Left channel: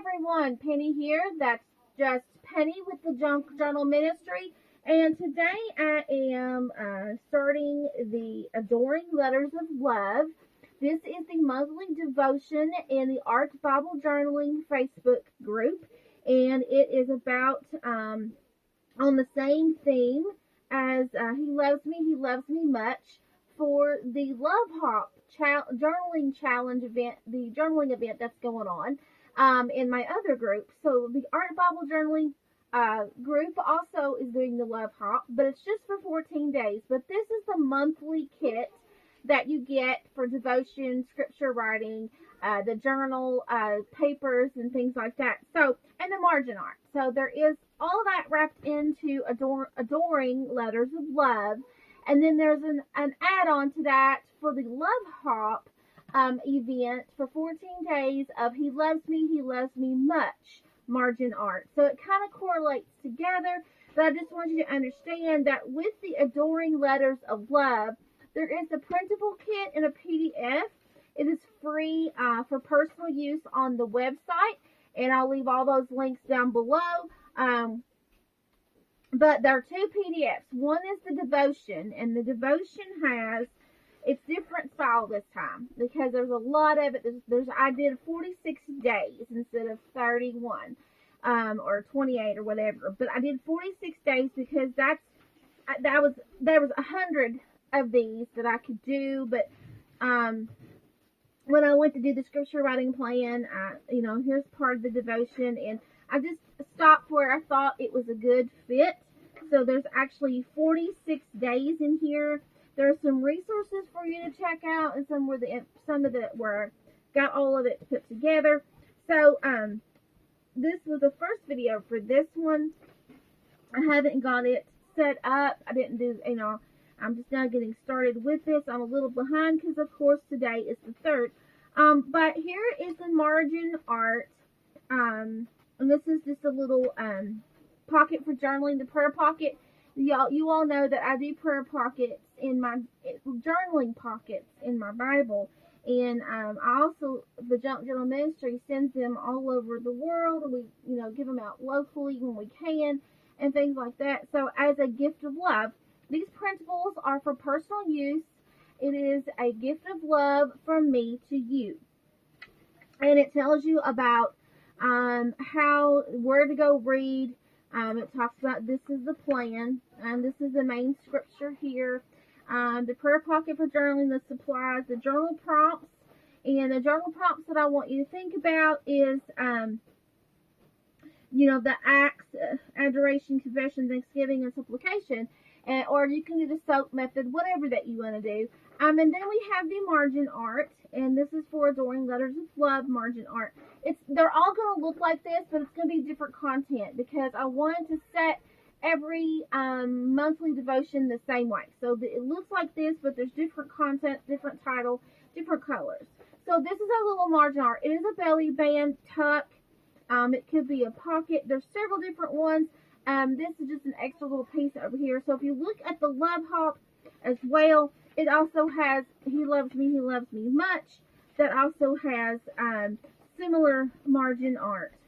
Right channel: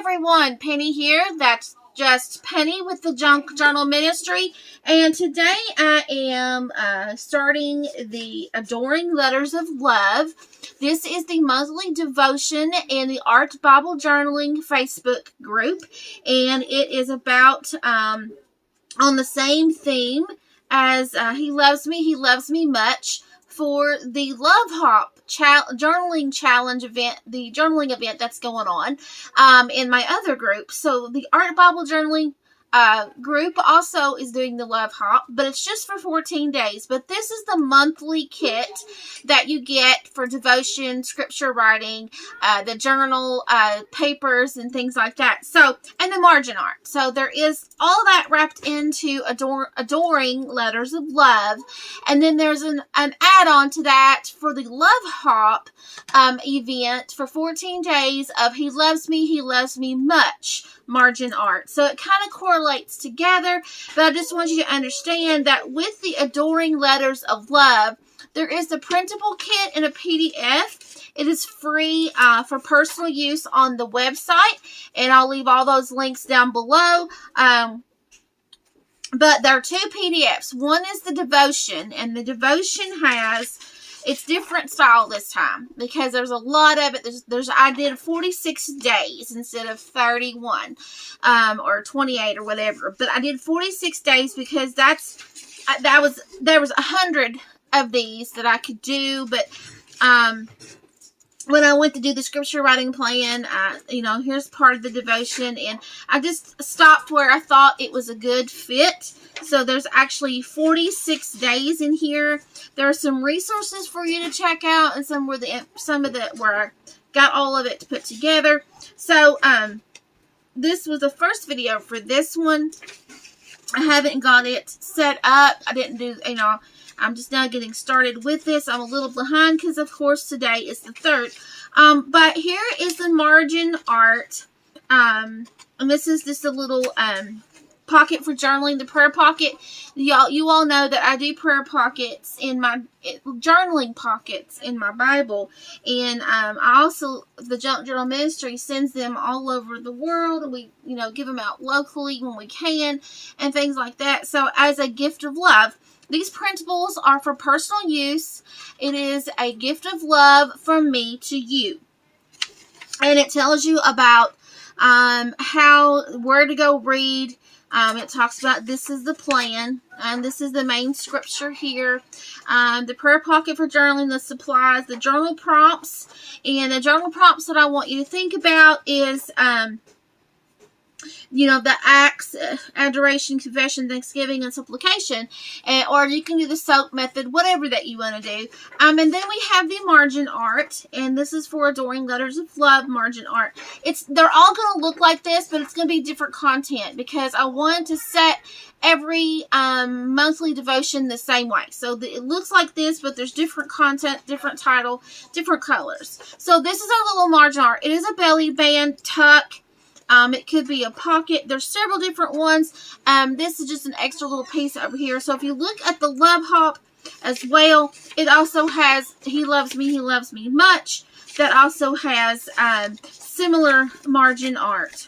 everyone, Penny here. That's just Penny with the Junk Journal Ministry, and today I am starting the Adoring Letters of Love. This is the monthly devotion in the Art Bible Journaling Facebook group, and it is about on the same theme as He Loves Me Much, for the Love Hop journaling challenge event, the journaling event that's going on in my other group. So the Art Bible Journaling group also is doing the Love Hop, but it's just for 14 days. But this is the monthly kit that you get for devotion, scripture writing, the journal papers and things like that. So, and the margin art. So there is all that wrapped into Adoring Letters of Love. And then there's an add-on to that for the Love Hop event for 14 days of He Loves Me Much margin art. So it kind of correlates together, but I just want you to understand that with the Adoring Letters of Love, there is the printable kit in a PDF. It is free for personal use on the website, and I'll leave all those links down below. But there are two PDFs. One is the devotion, and the devotion has, it's different style this time because there's a lot of it. I did 46 days instead of 31 or 28 or whatever. But I did 46 days because there was 100 of these that I could do. But when I went to do the scripture writing plan, here's part of the devotion, and I just stopped where I thought it was a good fit. So there's actually 46 days in here. There are some resources for you to check out, and some where I got all of it to put together. So this was the first video for this one. I haven't got it set up. I didn't do, I'm just now getting started with this. I'm a little behind because, of course, today is the 3rd. But here is the margin art. And this is just a little pocket for journaling, the prayer pocket. You all know that I do prayer pockets in my journaling pockets in my Bible, and I also, the Junk Journal Ministry sends them all over the world, and we give them out locally when we can and things like that. So as a gift of love, these printables are for personal use. It is a gift of love from me to you, and it tells you about where to go read. It talks about this is the plan, and this is the main scripture here. The prayer pocket for journaling, the supplies, the journal prompts, and the journal prompts that I want you to think about is, the acts, adoration, confession, thanksgiving, and supplication, or you can do the soap method, whatever that you want to do. And then we have the margin art, and this is for Adoring Letters of Love margin art. They're all going to look like this, but it's going to be different content because I wanted to set every monthly devotion the same way. So it looks like this, but there's different content, different title, different colors. So this is our little margin art. It is a belly band tuck. It could be a pocket. There's several different ones. This is just an extra little piece over here. So if you look at the Love Hop as well, it also has He Loves Me Much. That also has similar margin art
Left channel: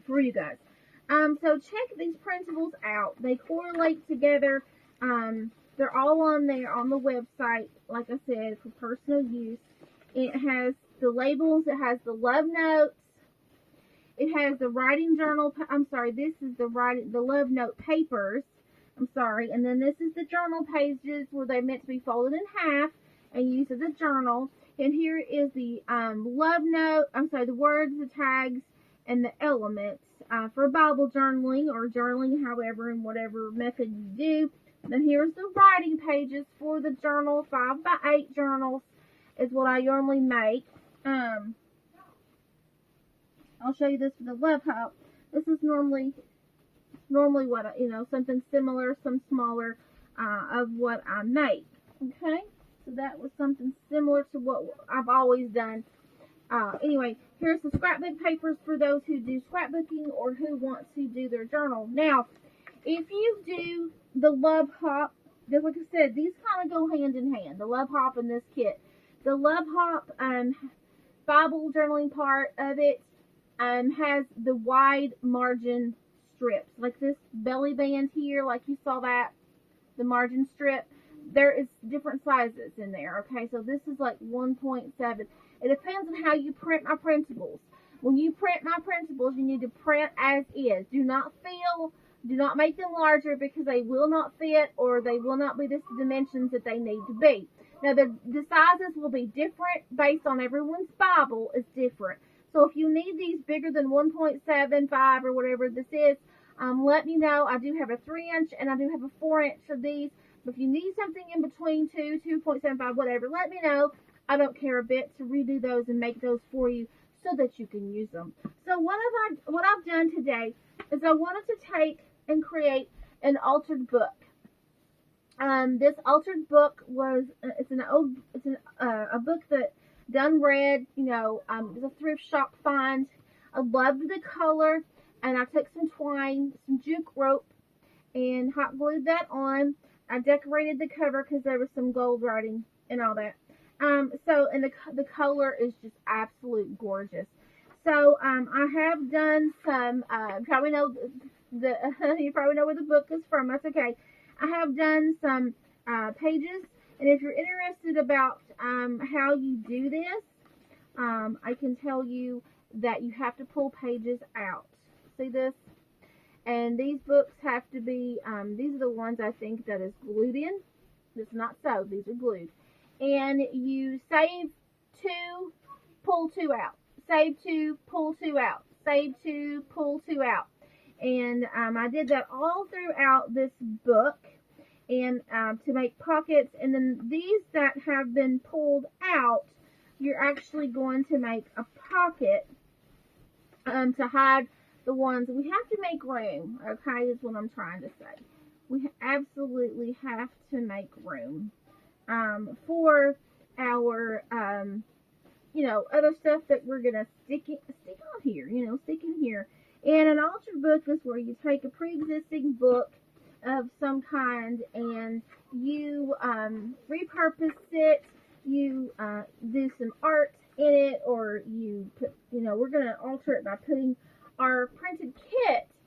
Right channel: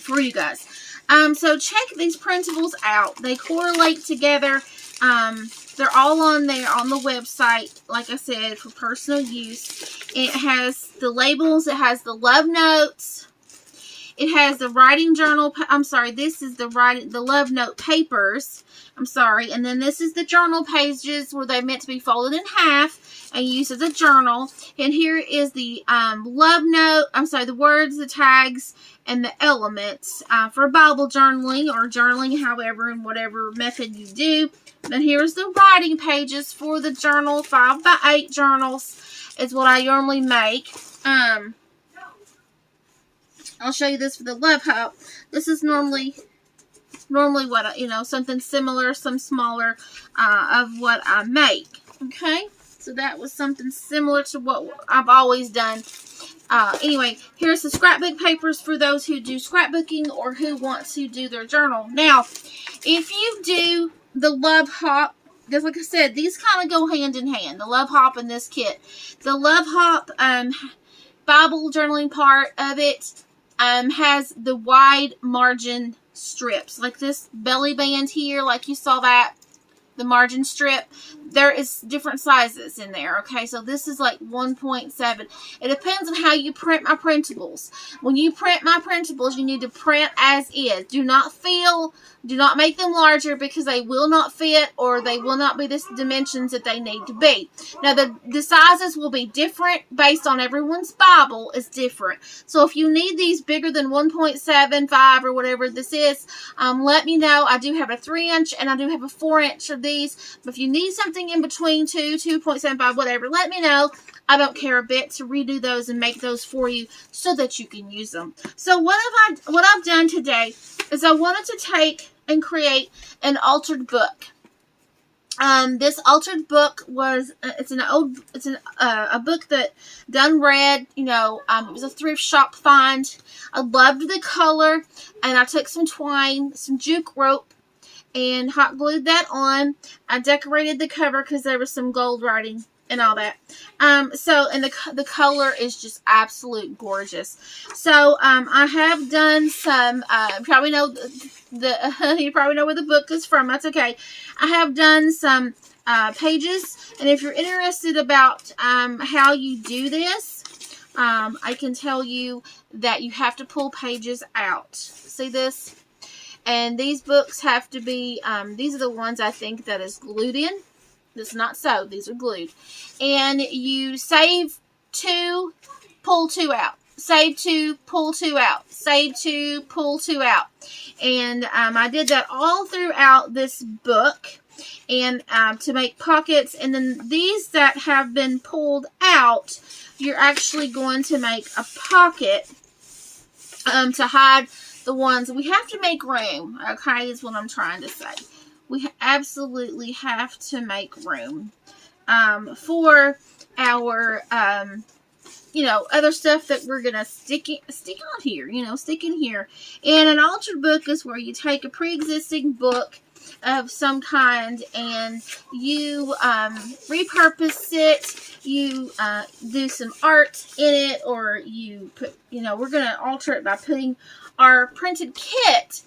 for you guys. So check these printables out. They correlate together. They're all on there on the website, like I said, for personal use. It has the labels. It has the love notes. It has the writing journal. This is the love note papers. And then this is the journal pages where they're meant to be folded in half and used as a journal. And here is the love note. The words, the tags, and the elements for Bible journaling or journaling, however, in whatever method you do. Then here's the writing pages for the journal. 5x8 journals is what I normally make. I'll show you this for the Love Hop. This is normally what something similar, some smaller of what I make. Okay, so that was something similar to what I've always done. Anyway, here's the scrapbook papers for those who do scrapbooking or who want to do their journal. Now, if you do the Love Hop, because like I said, these kind of go hand in hand. The Love Hop and this kit. The Love Hop Bible journaling part of it has the wide margin strips, like this belly band here, like you saw that, the margin strip. There is different sizes in there, okay? So this is like 1.7. It depends on how you print my printables. When you print my printables, you need to print as is. Do not make them larger, because they will not fit, or they will not be the dimensions that they need to be. Now, the sizes will be different based on everyone's Bible is different. So if you need these bigger than 1.75 or whatever this is, let me know. I do have a 3-inch and I do have a 4-inch of these. But if you need something in between 2.75, whatever, let me know. I don't care a bit to redo those and make those for you so that you can use them. So what I've done today is I wanted to take and create an altered book. This altered book was a book that done read, it was a thrift shop find. I loved the color, and I took some twine, some juke rope, and hot glued that on. I decorated the cover because there was some gold writing and all that. And the color is just absolute gorgeous. So I have done some, you probably know you probably know where the book is from. That's okay. I have done some pages, and if you're interested about how you do this, I can tell you that you have to pull pages out. See this? And these books have to be, these are the ones I think that is glued in. This is not sewed. These are glued. And you save 2, pull 2 out. Save 2, pull 2 out. Save 2, pull 2 out. And I did that all throughout this book, and to make pockets. And then these that have been pulled out, you're actually going to make a pocket to hide the ones. We have to make room, okay, is what I'm trying to say. We absolutely have to make room for our, other stuff that we're going to stick on here, stick in here. And an altered book is where you take a pre-existing book of some kind and you repurpose it, you do some art in it, or you put, we're going to alter it by putting our printed kit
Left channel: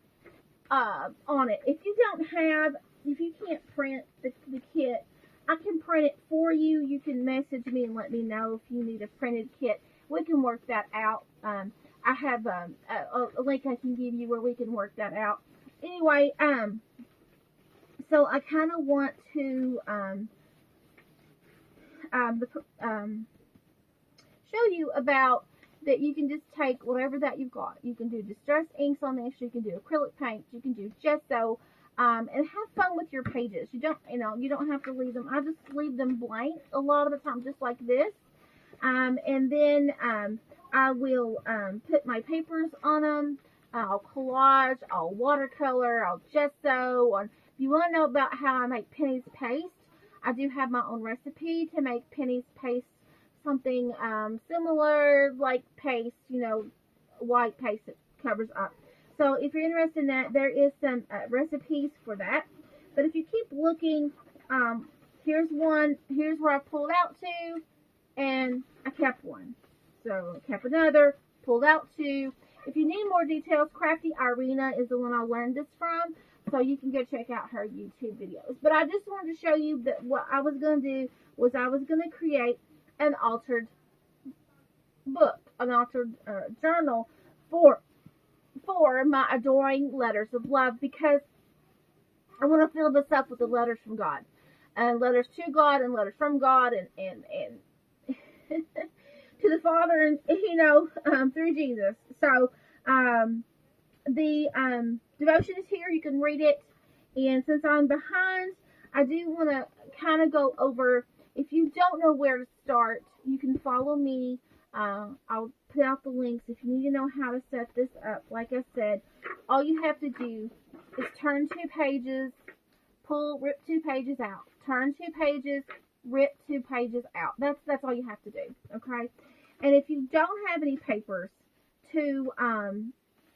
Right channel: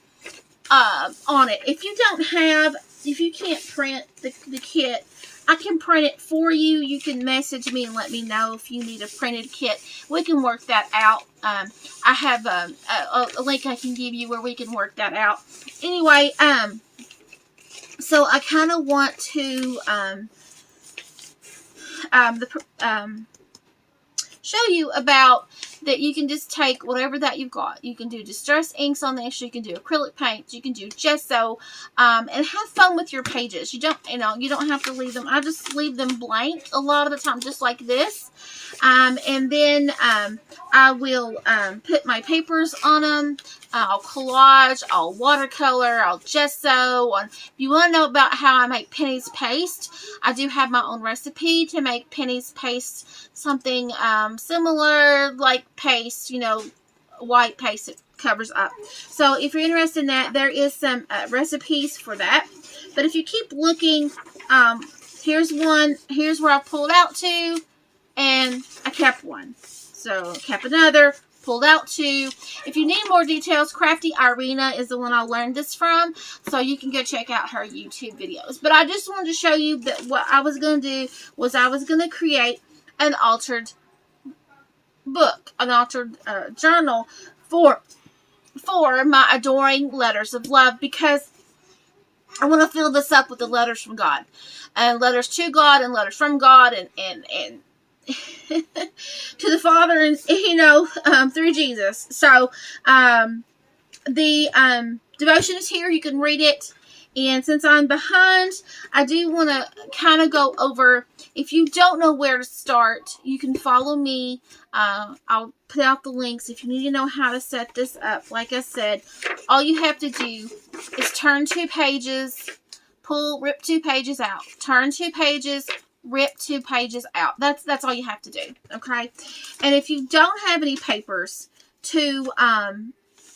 on it. If you can't print the kit, I can print it for you. You can message me and let me know if you need a printed kit. We can work that out. I have a link I can give you where we can work that out. Anyway, so I kind of want to show you about that. You can just take whatever that you've got. You can do distress inks on this. You can do acrylic paints. You can do gesso, and have fun with your pages. You don't have to leave them. I just leave them blank a lot of the time, just like this. And then I will put my papers on them. I'll collage, I'll watercolor, I'll gesso. If you want to know about how I make Penny's paste, I do have my own recipe to make Penny's paste, something similar like paste, white paste that covers up. So if you're interested in that, there is some recipes for that. But if you keep looking, here's one. Here's where I pulled out 2, and I kept 1. So kept another, pulled out 2. If you need more details, Crafty Irina is the one I learned this from, so you can go check out her YouTube videos. But I just wanted to show you that what I was going to do was I was going to create an altered book, an altered journal for my adoring letters of love, because I want to fill this up with the letters from God, and letters to God, and letters from God, and to the Father, and through Jesus. So the devotion is here. You can read it. And since I'm behind, I do want to kind of go over, if you don't know where to start, you can follow me. I'll put out the links. If you need to know how to set this up, like I said, all you have to do is turn 2 pages, rip 2 pages out, turn 2 pages, rip 2 pages out. That's all you have to do, okay? And if you don't have any papers to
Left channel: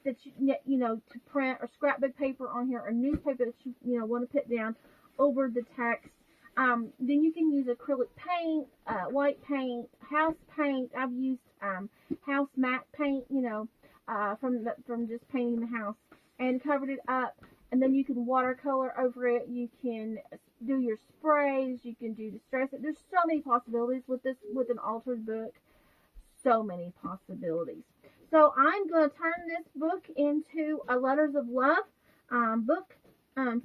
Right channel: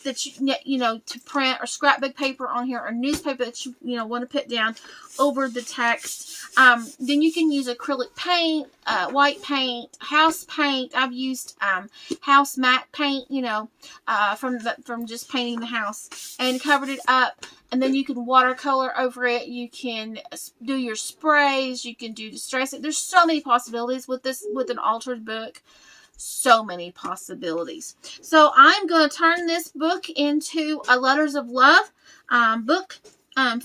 that you know, to print, or scrapbook paper on here, or newspaper that you want to put down over the text. Then you can use acrylic paint, white paint, house paint. I've used house matte paint, from just painting the house, and covered it up. And then you can watercolor over it. You can do your sprays. You can do distress. There's so many possibilities with this, with an altered book. So many possibilities. So I'm going to turn this book into a Letters of Love book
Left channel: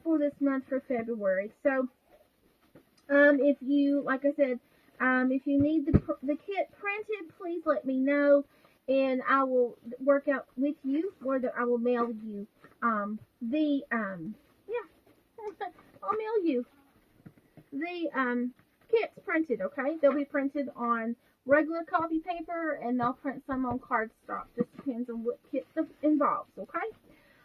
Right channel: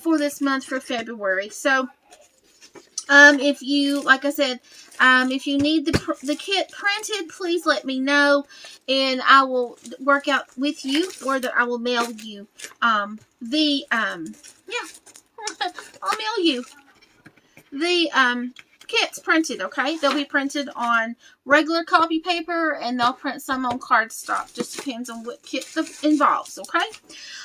for this month, for February. So if you, like I said, if you need the kit printed, please let me know, and I will work out with you, or that I will mail you I'll mail you the kits printed. Okay, they'll be printed on regular copy paper, and they'll print some on cardstock. Just depends on what kit involves. Okay,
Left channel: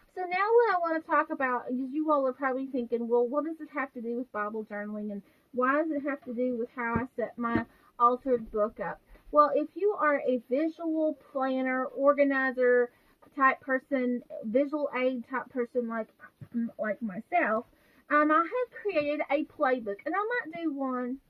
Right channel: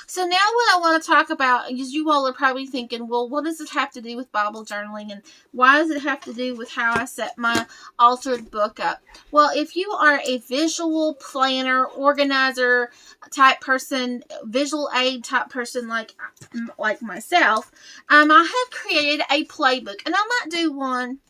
so now what I want to talk about is, you all are probably thinking, well, what does it have to do with Bible journaling, and why does it have to do with how I set my altered book up? Well, if you are a visual planner, organizer type person, visual aid type person like myself, I have created a playbook, and I might do one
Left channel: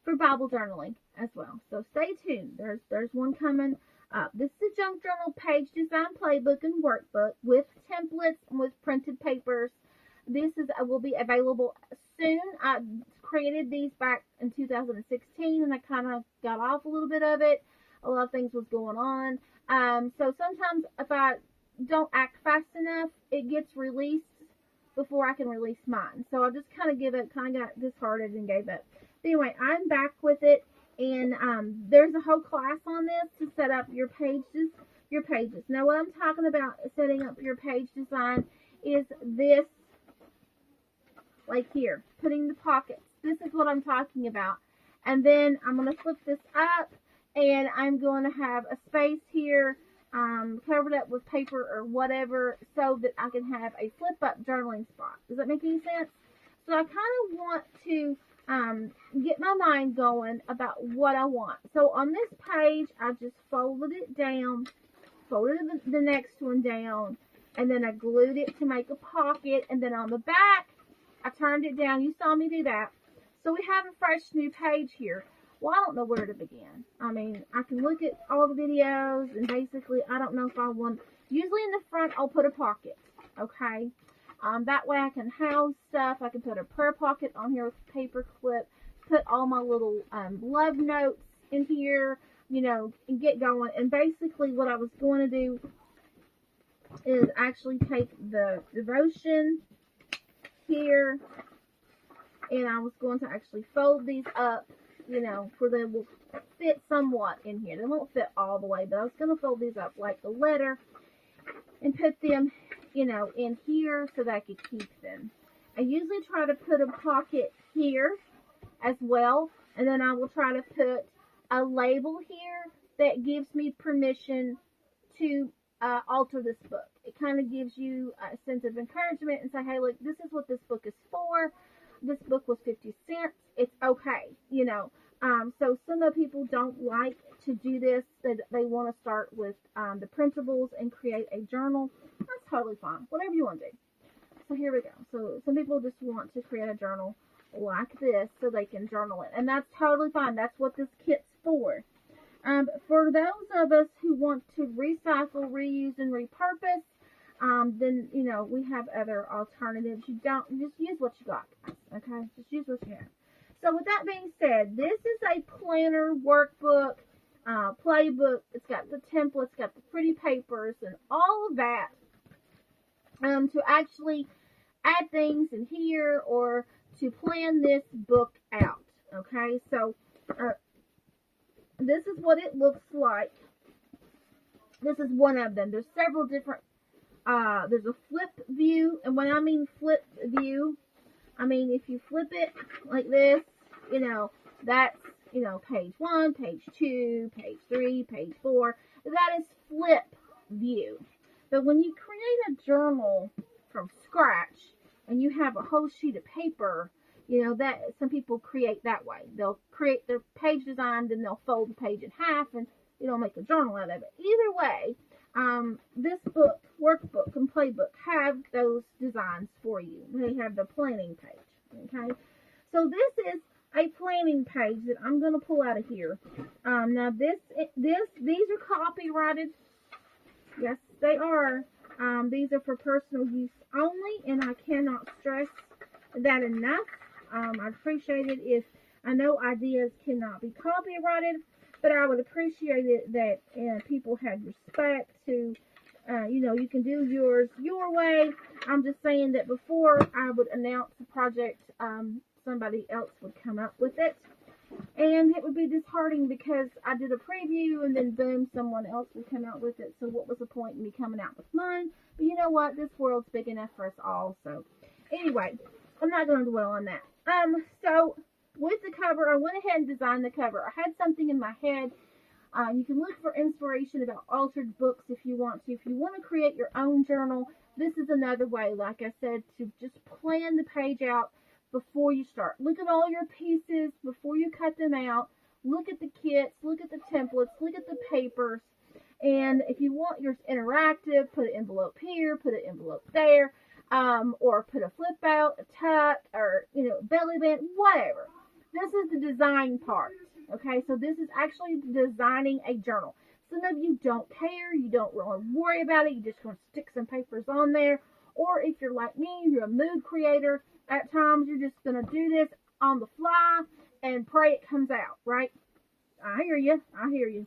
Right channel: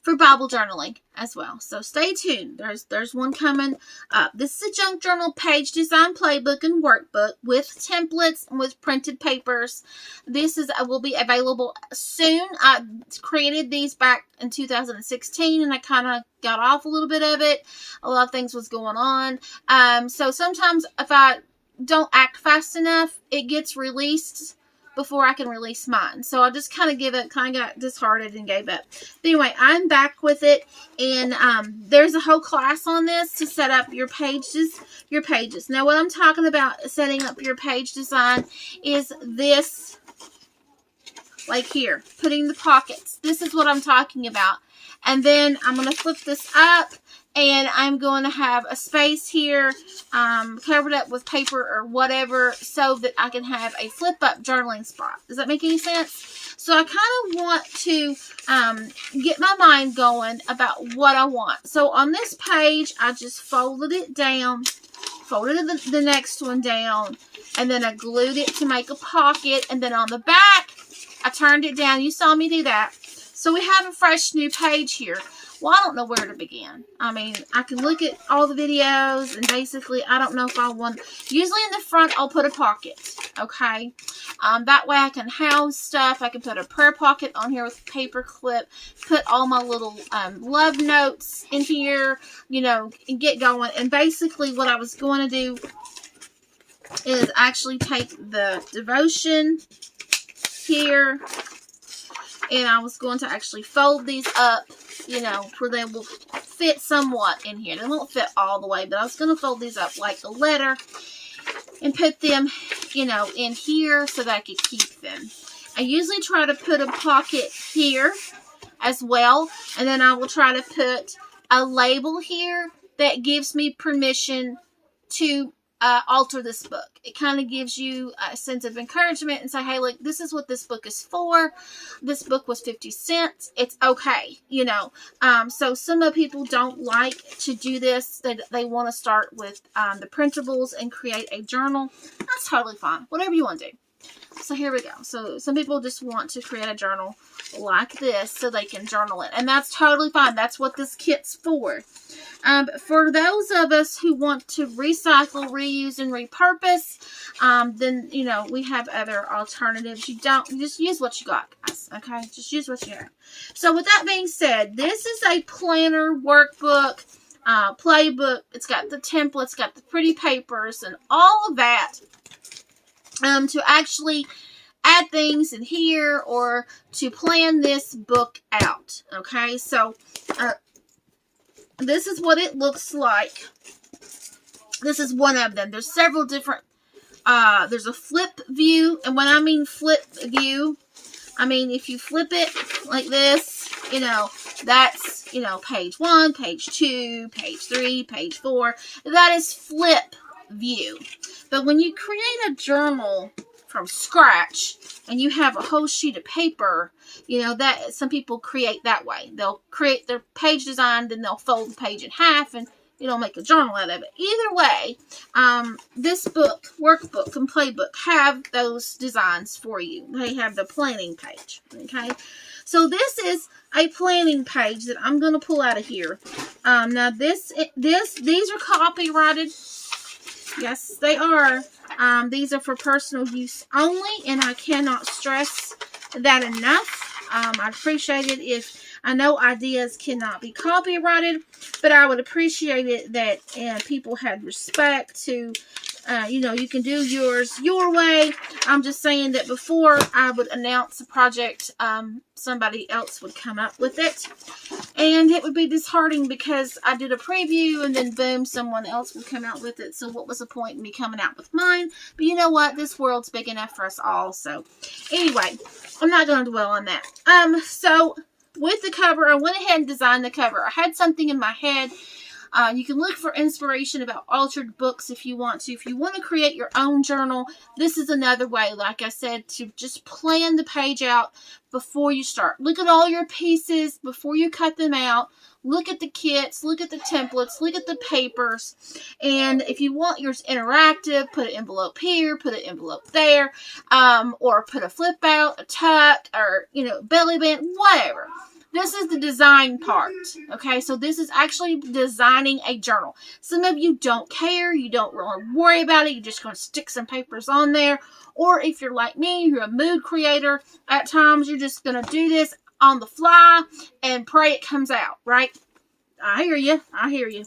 for Bible journaling as well. So stay tuned. There's one coming up. This is a junk journal page design playbook and workbook with templates and with printed papers. This will be available soon. I created these back in 2016, and I kind of got off a little bit of it. A lot of things was going on. So sometimes if I don't act fast enough, it gets released before I can release mine. So I just kind of got disheartened and gave up. But anyway, I'm back with it, and there's a whole class on this to set up your pages. Now, what I'm talking about setting up your page design is this, like here, putting the pockets. This is what I'm talking about. And then I'm going to flip this up, and I'm going to have a space here covered up with paper or whatever, so that I can have a flip up journaling spot. Does that make any sense? So I kind of want to get my mind going about what I want. So on this page, I just folded it down, folded the next one down, and then I glued it to make a pocket. And then on the back, I turned it down. You saw me do that. So we have a fresh new page here. Well, I don't know where to begin. I mean, I can look at all the videos, and basically, I don't know if I want... Usually in the front, I'll put a pocket, okay? That way I can house stuff. I can put a prayer pocket on here with a paper clip, put all my little love notes in here, and get going. And basically, what I was going to do is actually take the devotion here, and I was going to actually fold these up, where they will fit somewhat in here. They won't fit all the way, but I was going to fold these up like a letter and put them, in here so that I could keep them. I usually try to put a pocket here as well, and then I will try to put a label here that gives me permission to alter this book. It kind of gives you a sense of encouragement and say, hey, look, this is what this book is for. This book was 50 cents. It's okay, So some of people don't like to do this. They want to start with the printables and create a journal. That's totally fine. Whatever you want to do. So here we go. So some people just want to create a journal like this so they can journal it. And that's totally fine. That's what this kit's for. For those of us who want to recycle, reuse, and repurpose, then, we have other alternatives. You just use what you got, guys. Okay? Just use what you have. So with that being said, this is a planner, workbook, playbook. It's got the templates, got the pretty papers, and all of that. To actually add things in here or to plan this book out. Okay, so this is what it looks like. This is one of them. There's several different, there's a flip view, and when I mean flip view, I mean if you flip it like this, that's, page 1, page 2, page 3, page 4. That is flip view. But when you create a journal from scratch and you have a whole sheet of paper, that some people create that way. They'll create their page design, then they'll fold the page in half and you know, make a journal out of it. Either way, this book, workbook and playbook have those designs for you. They have the planning page, okay? So this is a planning page that I'm going to pull out of here. Now these are copyrighted. Yes, they are. These are for personal use only, and I cannot stress that enough. I'd appreciate it if, I know ideas cannot be copyrighted, but I would appreciate it that people had respect to, you know, you can do yours your way. I'm just saying that before I would announce a project, somebody else would come up with it. And it would be disheartening because I did a preview and then boom, someone else would come out with it. So what was the point in me coming out with mine? But you know what? This world's big enough for us all. So anyway, I'm not going to dwell on that. So with the cover, I went ahead and designed the cover. I had something in my head. You can look for inspiration about altered books if you want to. If you want to create your own journal, this is another way, like I said, to just plan the page out before you start. Look at all your pieces before you cut them out. Look at the kits, look at the templates, look at the papers. And if you want yours interactive, put an envelope here, put an envelope there, or put a flip out, a tuck, or, you know, belly band, whatever. This is the design part, okay? So this is actually designing a journal. Some of you don't care. You don't really worry about it. You're just going to stick some papers on there. Or if you're like me, you're a mood creator. At times, you're just going to do this on the fly and pray it comes out, right? I hear you. I hear you.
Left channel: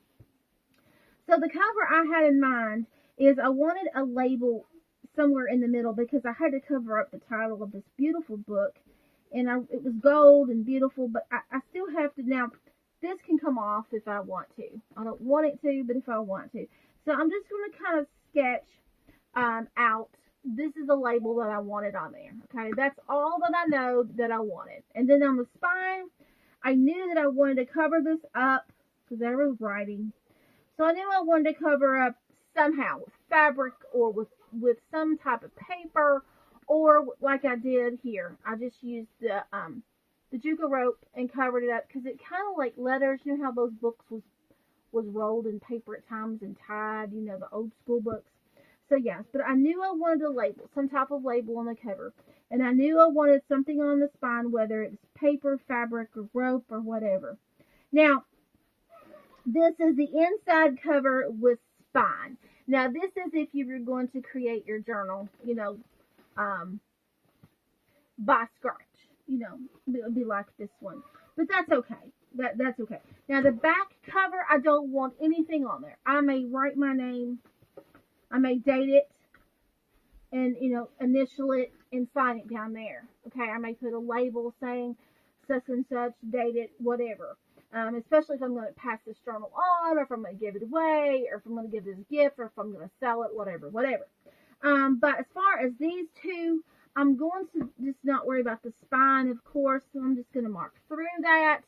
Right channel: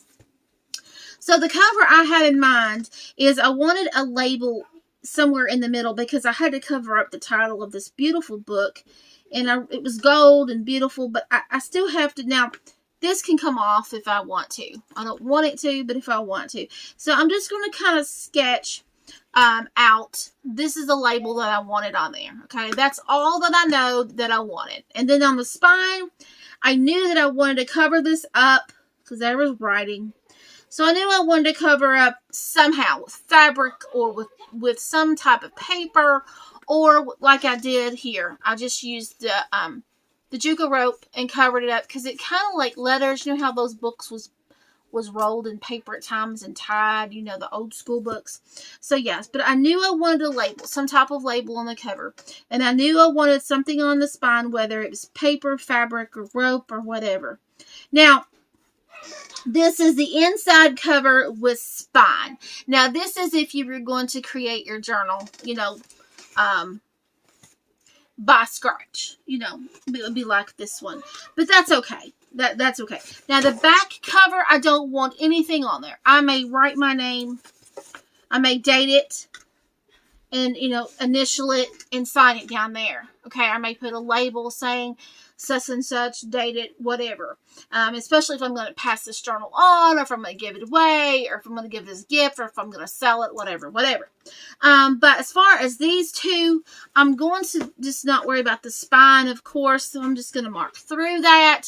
So the cover I had in mind is I wanted a label somewhere in the middle because I had to cover up the title of this beautiful book. And it was gold and beautiful, but I still have to. Now, this can come off if I want to. I don't want it to, but if I want to. So I'm just going to kind of sketch out. This is the label that I wanted on there. Okay, that's all that I know that I wanted. And then on the spine, I knew that I wanted to cover this up because there was writing. So I knew I wanted to cover up somehow with fabric or with some type of paper. Or like I did here, I just used the Juco rope and covered it up because it kind of like letters. You know how those books was rolled in paper at times and tied. You know, the old school books. So yes, but I knew I wanted a label, some type of label on the cover, and I knew I wanted something on the spine, whether it was paper, fabric, or rope, or whatever. Now, this is the inside cover with spine. Now, this is if you were going to create your journal, you know, by scratch, you know, it would be like this one, but that's okay. That's okay. Now the back cover, I don't want anything on there. I may write my name, I may date it, and, you know, initial it and sign it down there. Okay, I may put a label saying such and such, date it, whatever. Especially if I'm going to pass this journal on, or if I'm going to give it away, or if I'm going to give it as a gift, or if I'm going to sell it, whatever. But as far as these two, I'm going to just not worry about the spine, of course, so I'm just going to mark through that.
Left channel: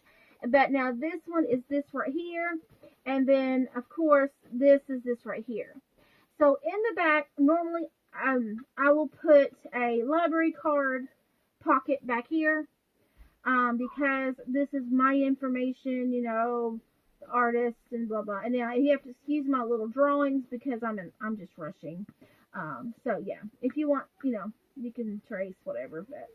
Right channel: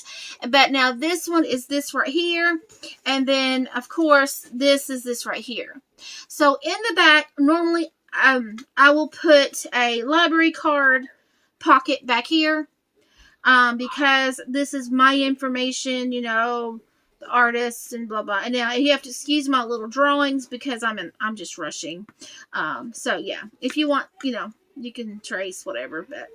But now this one is this right here, and then, of course, this is this right here. So in the back, normally, I will put a library card pocket back here. Because this is my information, you know, the artists and blah, blah. And now you have to excuse my little drawings because I'm just rushing. So yeah, if you want, you know, you can trace whatever, but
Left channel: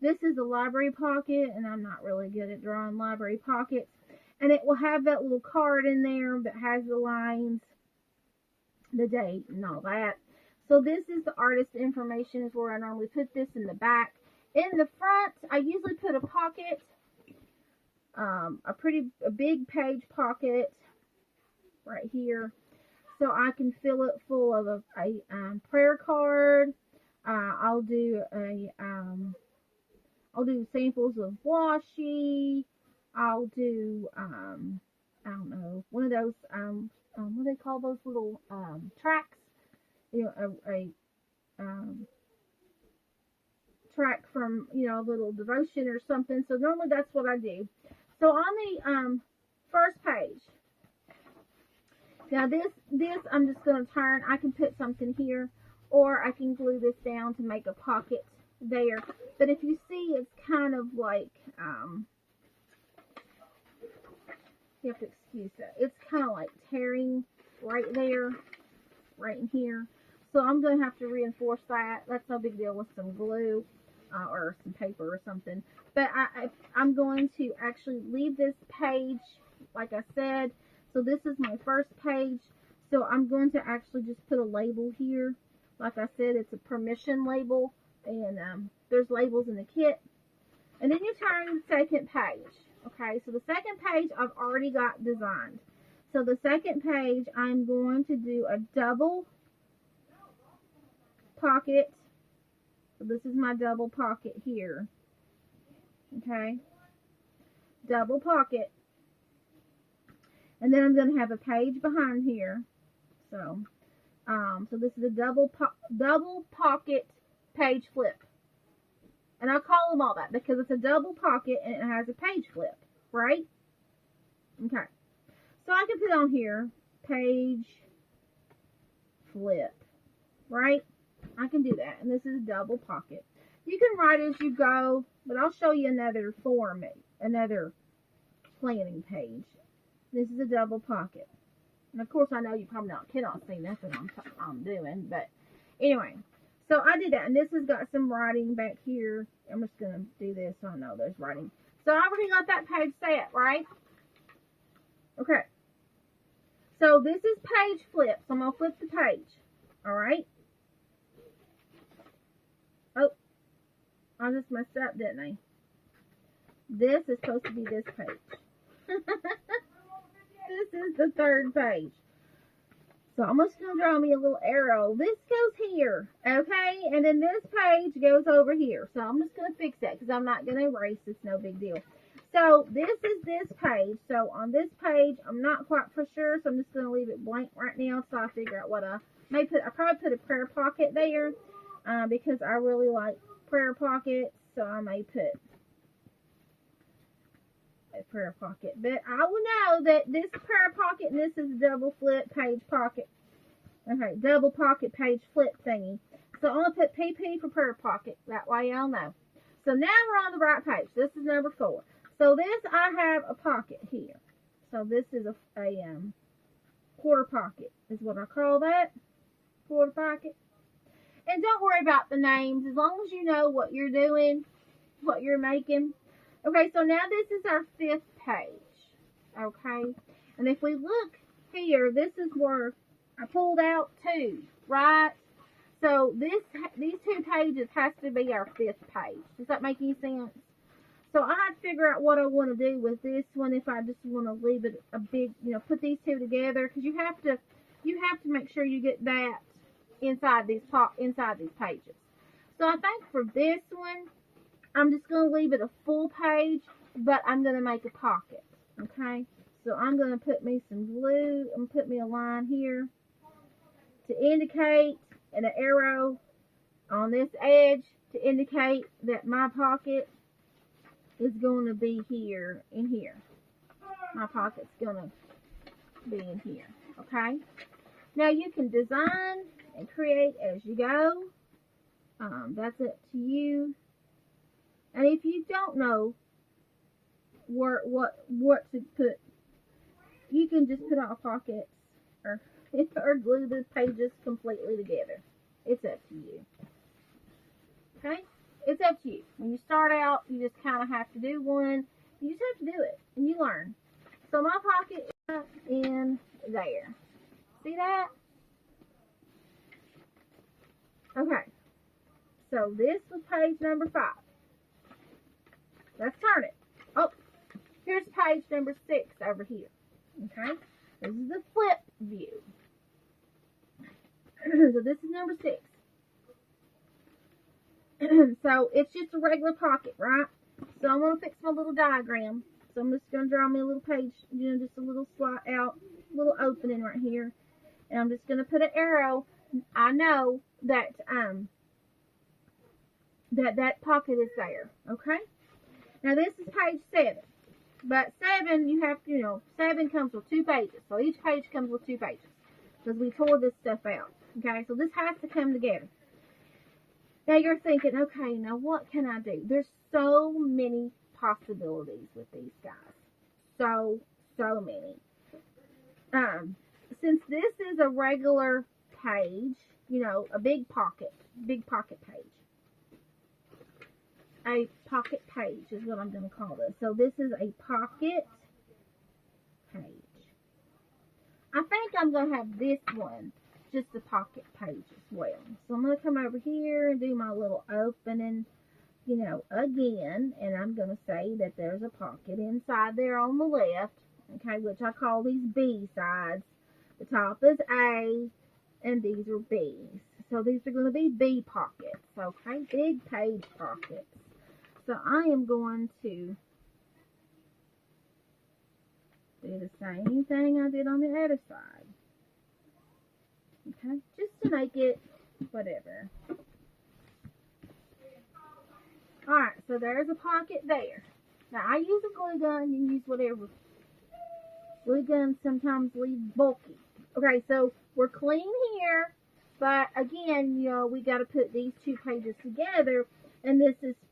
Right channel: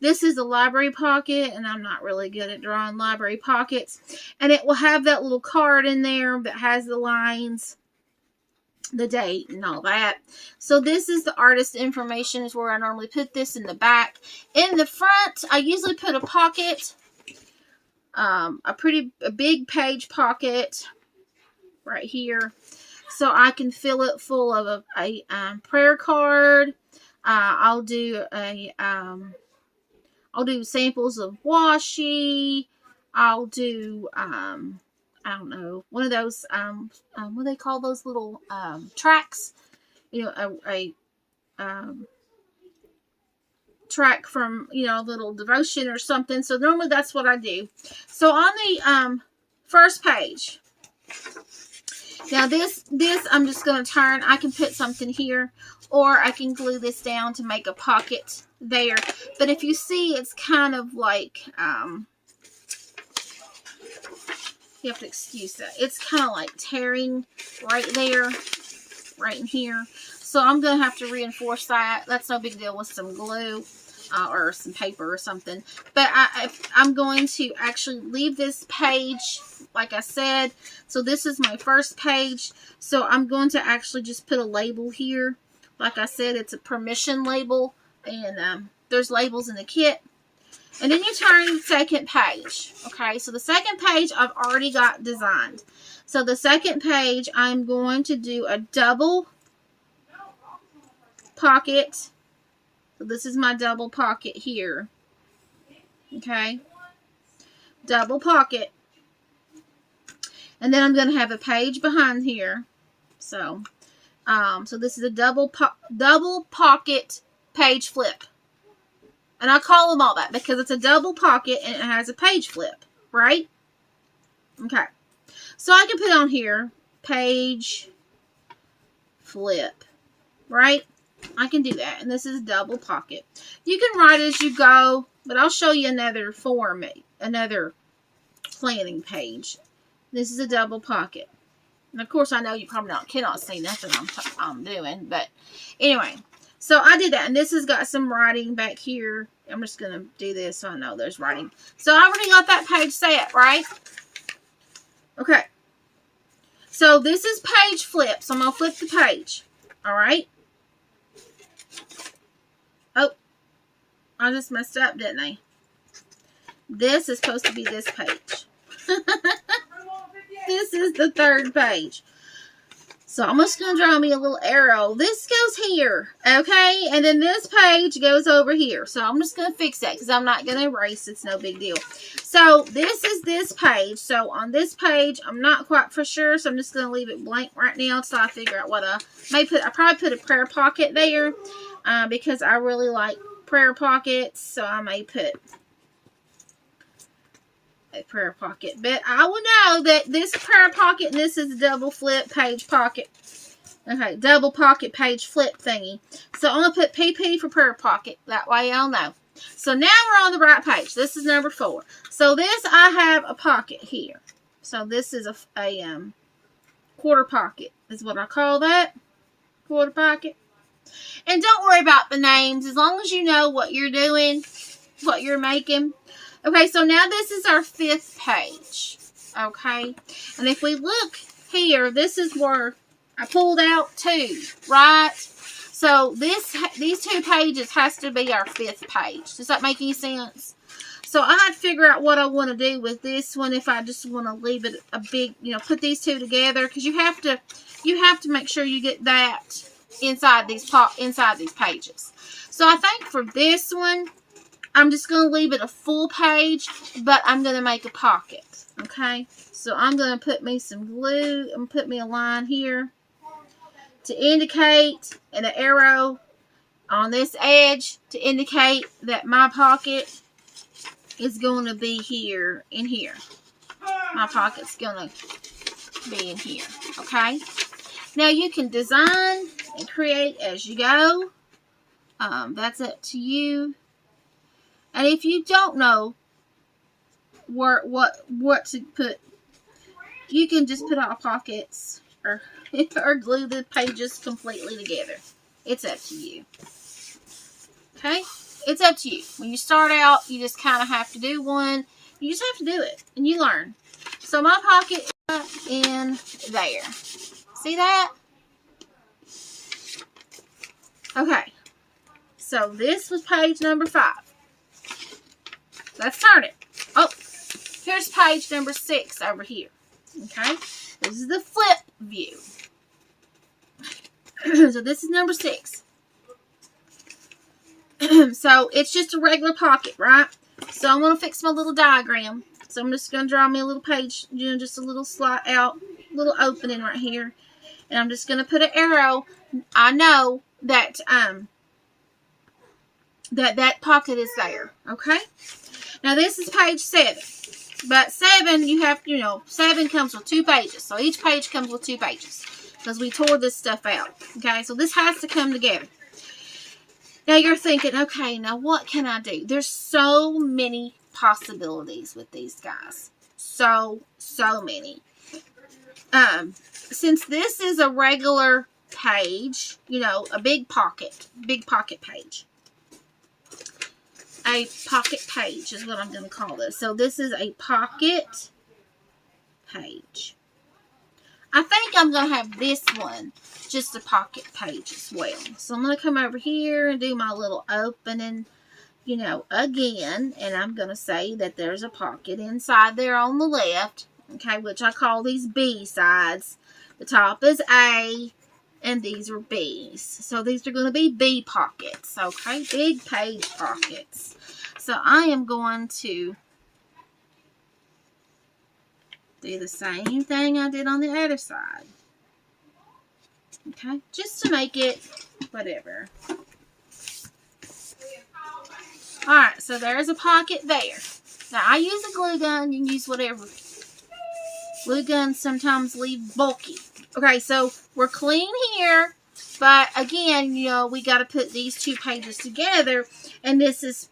this is a library pocket, and I'm not really good at drawing library pockets. And it will have that little card in there that has the lines, the date, and all that. So this is the artist information, is where I normally put this in the back. In the front, I usually put a pocket, a big page pocket right here, so I can fill it full of a prayer card. I'll do samples of washi. I'll do I don't know, one of those, what do they call those little, tracks? You know, a track from, you know, a little devotion or something. So normally that's what I do. So on the, first page, now this I'm just going to turn. I can put something here, or I can glue this down to make a pocket there. But if you see, it's kind of like, You have to excuse that. It's kind of like tearing right there, right in here. So I'm going to have to reinforce that. That's no big deal with some glue or some paper or something. But I'm going to actually leave this page, like I said. So this is my first page. So I'm going to actually just put a label here. Like I said, it's a permission label. And there's labels in the kit. And then you turn to the second page. Okay, so the second page I've already got designed. So the second page, I'm going to do a double pocket. So this is my double pocket here. Okay, double pocket. And then I'm going to have a page behind here. So, so this is a double pocket page flip. And I call them all that because it's a double pocket and it has a page flip, right? Okay. So I can put on here, page flip, right? I can do that. And this is a double pocket. You can write as you go, but I'll show you another form, another planning page. This is a double pocket. And of course, I know you probably cannot see nothing I'm doing, but anyway. So I did that, and this has got some writing back here. I'm just going to do this so I know there's writing. So I already got that page set, right? Okay. So this is page flip. So I'm going to flip the page. All right. Oh, I just messed up, didn't I? This is supposed to be this page. This is the third page. So I'm just going to draw me a little arrow. This goes here, okay? And then this page goes over here. So I'm just going to fix that because I'm not going to erase. It's no big deal. So this is this page. So on this page, I'm not quite for sure. So I'm just going to leave it blank right now until I figure out what I may put. I probably put a prayer pocket there because I really like prayer pockets. So I may put a prayer pocket, but I will know that this prayer pocket and this is a double flip page pocket. Okay, double pocket page flip thingy. So I'm going to put PP for prayer pocket. That way I'll know. So now we're on the right page. This is number 4. So this, I have a pocket here. So this is a quarter pocket is what I call that. Quarter pocket. And don't worry about the names. As long as you know what you're doing, what you're making. Okay, so now this is our 5th page, okay? And if we look here, this is where I pulled out 2, right? So these 2 pages has to be our 5th page. Does that make any sense? So I had to figure out what I want to do with this one if I just want to leave it a big, put these 2 together. Because you have to make sure you get that inside these pages. So I think for this one, I'm just going to leave it a full page, but I'm going to make a pocket, okay? So I'm going to put me some glue and put me a line here to indicate, and an arrow on this edge to indicate that my pocket is going to be here in here. My pocket's going to be in here, okay? Now you can design and create as you go. That's up to you. And if you don't know what to put, you can just put out pockets or glue the pages completely together. It's up to you. Okay? It's up to you. When you start out, you just kind of have to do one. You just have to do it, and you learn. So my pocket is in there. See that? Okay. So this was page number 5. Let's turn it. Oh, here's page number 6 over here. Okay, this is the flip view. So this is number 6. So it's just a regular pocket, right? So I'm going to fix my little diagram. So I'm just going to draw me a little page, just a little slot out, little opening right here. And I'm just going to put an arrow. I know that that pocket is there, okay? Now, this is page 7. But 7, you have, 7 comes with 2 pages. So, each page comes with 2 pages. Because we tore this stuff out. Okay, so this has to come together. Now, you're thinking, okay, now what can I do? There's so many possibilities with these guys. so many. Since this is a regular page, you know, a big pocket page. A pocket page is what I'm going to call this. So this is a pocket page. I think I'm going to have this one just a pocket page as well. So I'm going to come over here and do my little opening, you know, again. And I'm going to say that there's a pocket inside there on the left. Okay, which I call these B sides. The top is A, and these are B's. So these are going to be B pockets, okay? Big page pockets. So I am going to do the same thing I did on the other side. Okay, just to make it whatever. Alright, so there's a pocket there. Now, I use a glue gun. You can use whatever. Glue guns sometimes leave bulky. Okay, so we're clean here. But again, you know, we got to put these two pages together. And this is...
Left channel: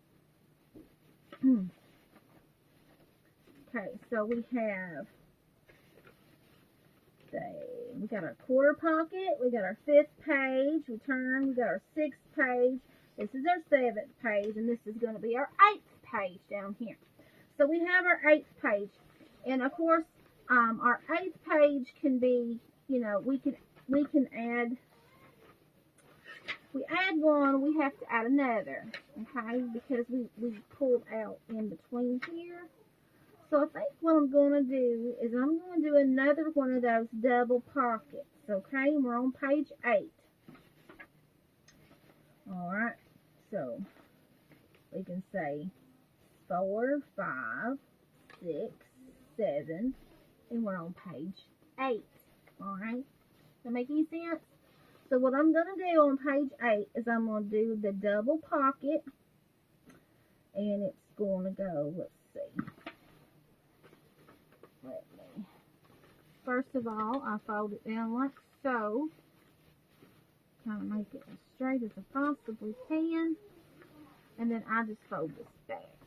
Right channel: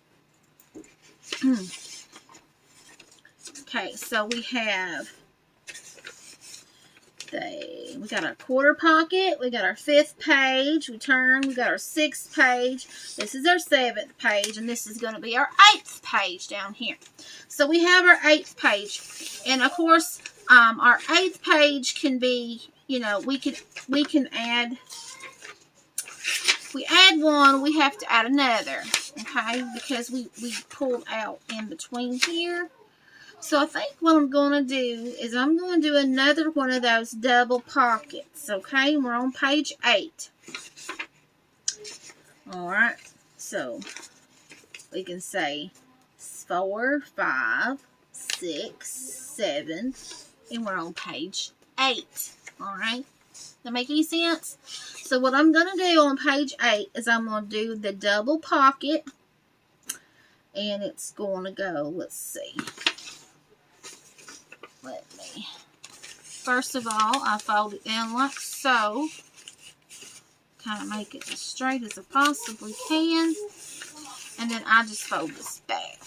okay, so we have... we got our quarter pocket. We got our 5th page. We turn. We got our 6th page. This is our 7th page. And this is going to be our 8th page down here. So we have our 8th page. And of course... our 8th page can be, you know, we can add, if we add one, we have to add another, okay, because we pulled out in between here. So I think what I'm going to do is I'm going to do another one of those double pockets, okay, and we're on page 8. Alright, so we can say 4, 5, 6, 7, and we're on page 8. Alright? That make any sense? So what I'm going to do on page 8 is I'm going to do the double pocket. And it's going to go, let's see. Let me. First of all, I fold it down like so. Kind of make it as straight as I possibly can. And then I just fold this back.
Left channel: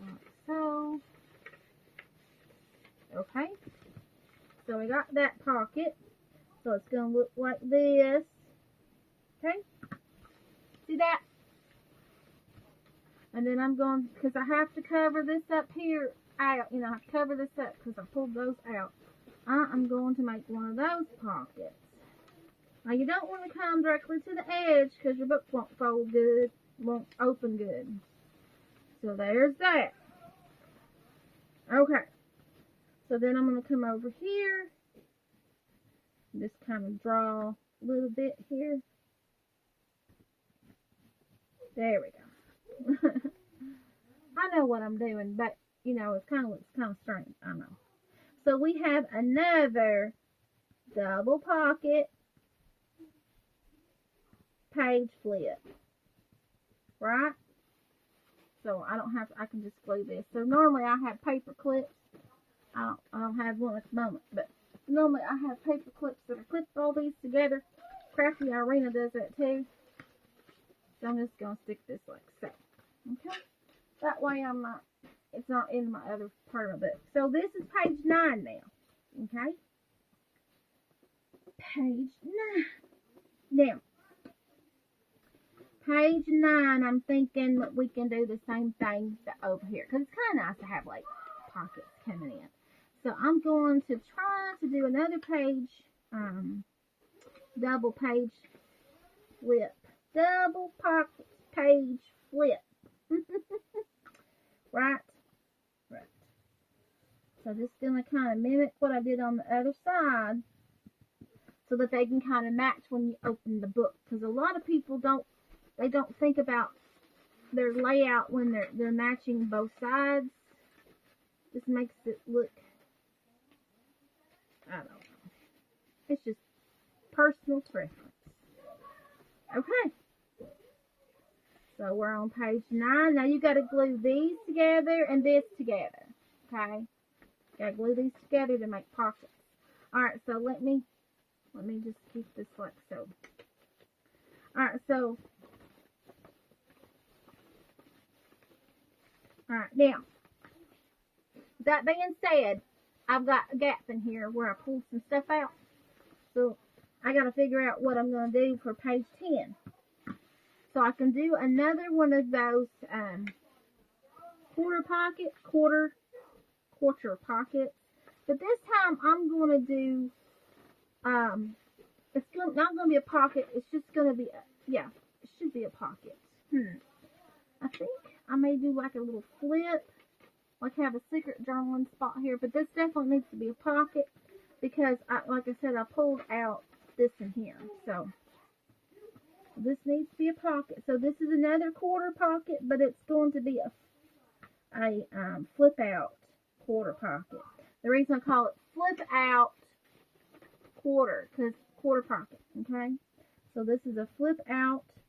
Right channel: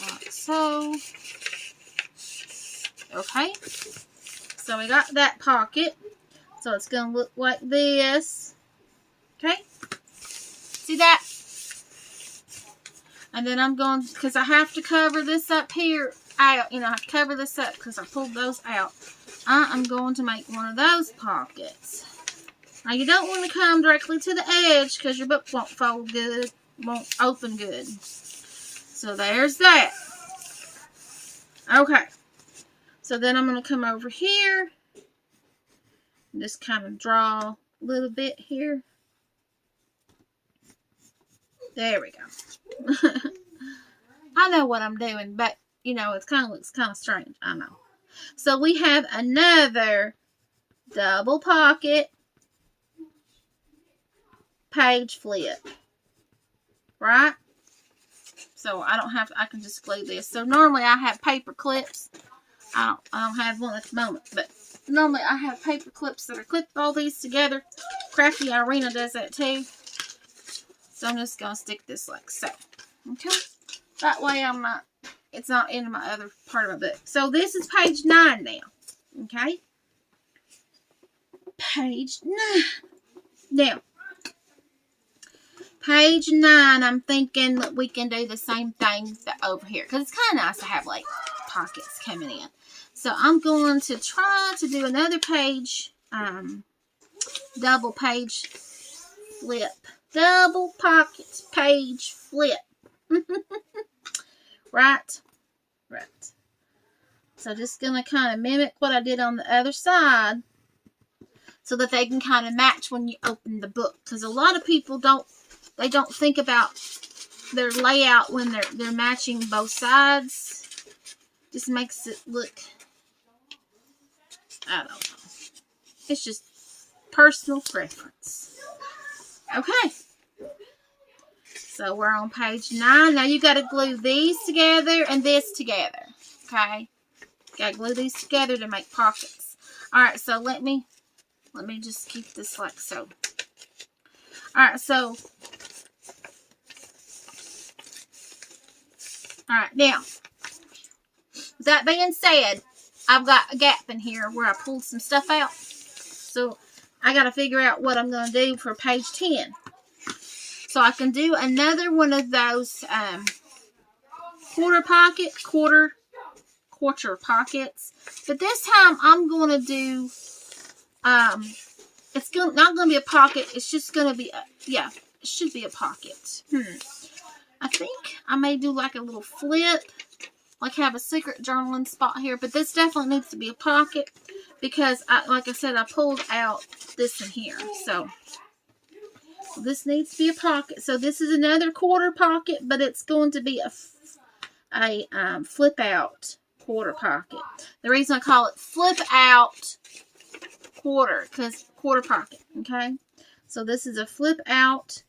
Like so. Okay, so we got that pocket, so it's going to look like this, okay, see that, and then I'm going, because I have to cover this up here, out, you know, I have to cover this up, because I pulled those out, I'm going to make one of those pockets. Now, you don't want to come directly to the edge, because your book won't fold good, won't open good, so there's that, okay. So then I'm going to come over here and just kind of draw a little bit here. There we go. I know what I'm doing, but, you know, it kind of looks kind of strange. I know. So we have another double pocket page flip. Right? So I don't have to, I can just glue this. So normally I have paper clips. I don't have one at the moment, but normally I have paper clips that are clipped all these together. Crafty Irina does that too. So I'm just going to stick this like so. Okay? That way it's not in my other part of my book. So this is page 9 now. Okay? Page 9. Now, page 9, I'm thinking that we can do the same thing over here. Because it's kind of nice to have like pockets coming in. So I'm going to try to do another page, double page flip. Double pocket page flip. Right? Right. So just going to kind of mimic what I did on the other side so that they can kind of match when you open the book. Because a lot of people don't think about their layout when they're matching both sides. Just makes it look, I don't know. It's just personal preference. Okay. So we're on page 9. Now you got to glue these together and this together. Okay. Got to glue these together to make pockets. Alright, so let me just keep this like so. Alright, so. Alright, now. That being said, I've got a gap in here where I pulled some stuff out. So I got to figure out what I'm going to do for page 10. So I can do another one of those quarter pockets. But this time I'm going to do, it's not going to be a pocket. It's just going to be, it should be a pocket. I think I may do like a little flip, like have a secret journaling spot here. But this definitely needs to be a pocket because, like I said, I pulled out this in here. So this needs to be a pocket. So this is another quarter pocket, but it's going to be a flip out quarter pocket. The reason I call it flip out quarter, because quarter pocket, okay? So this is a flip out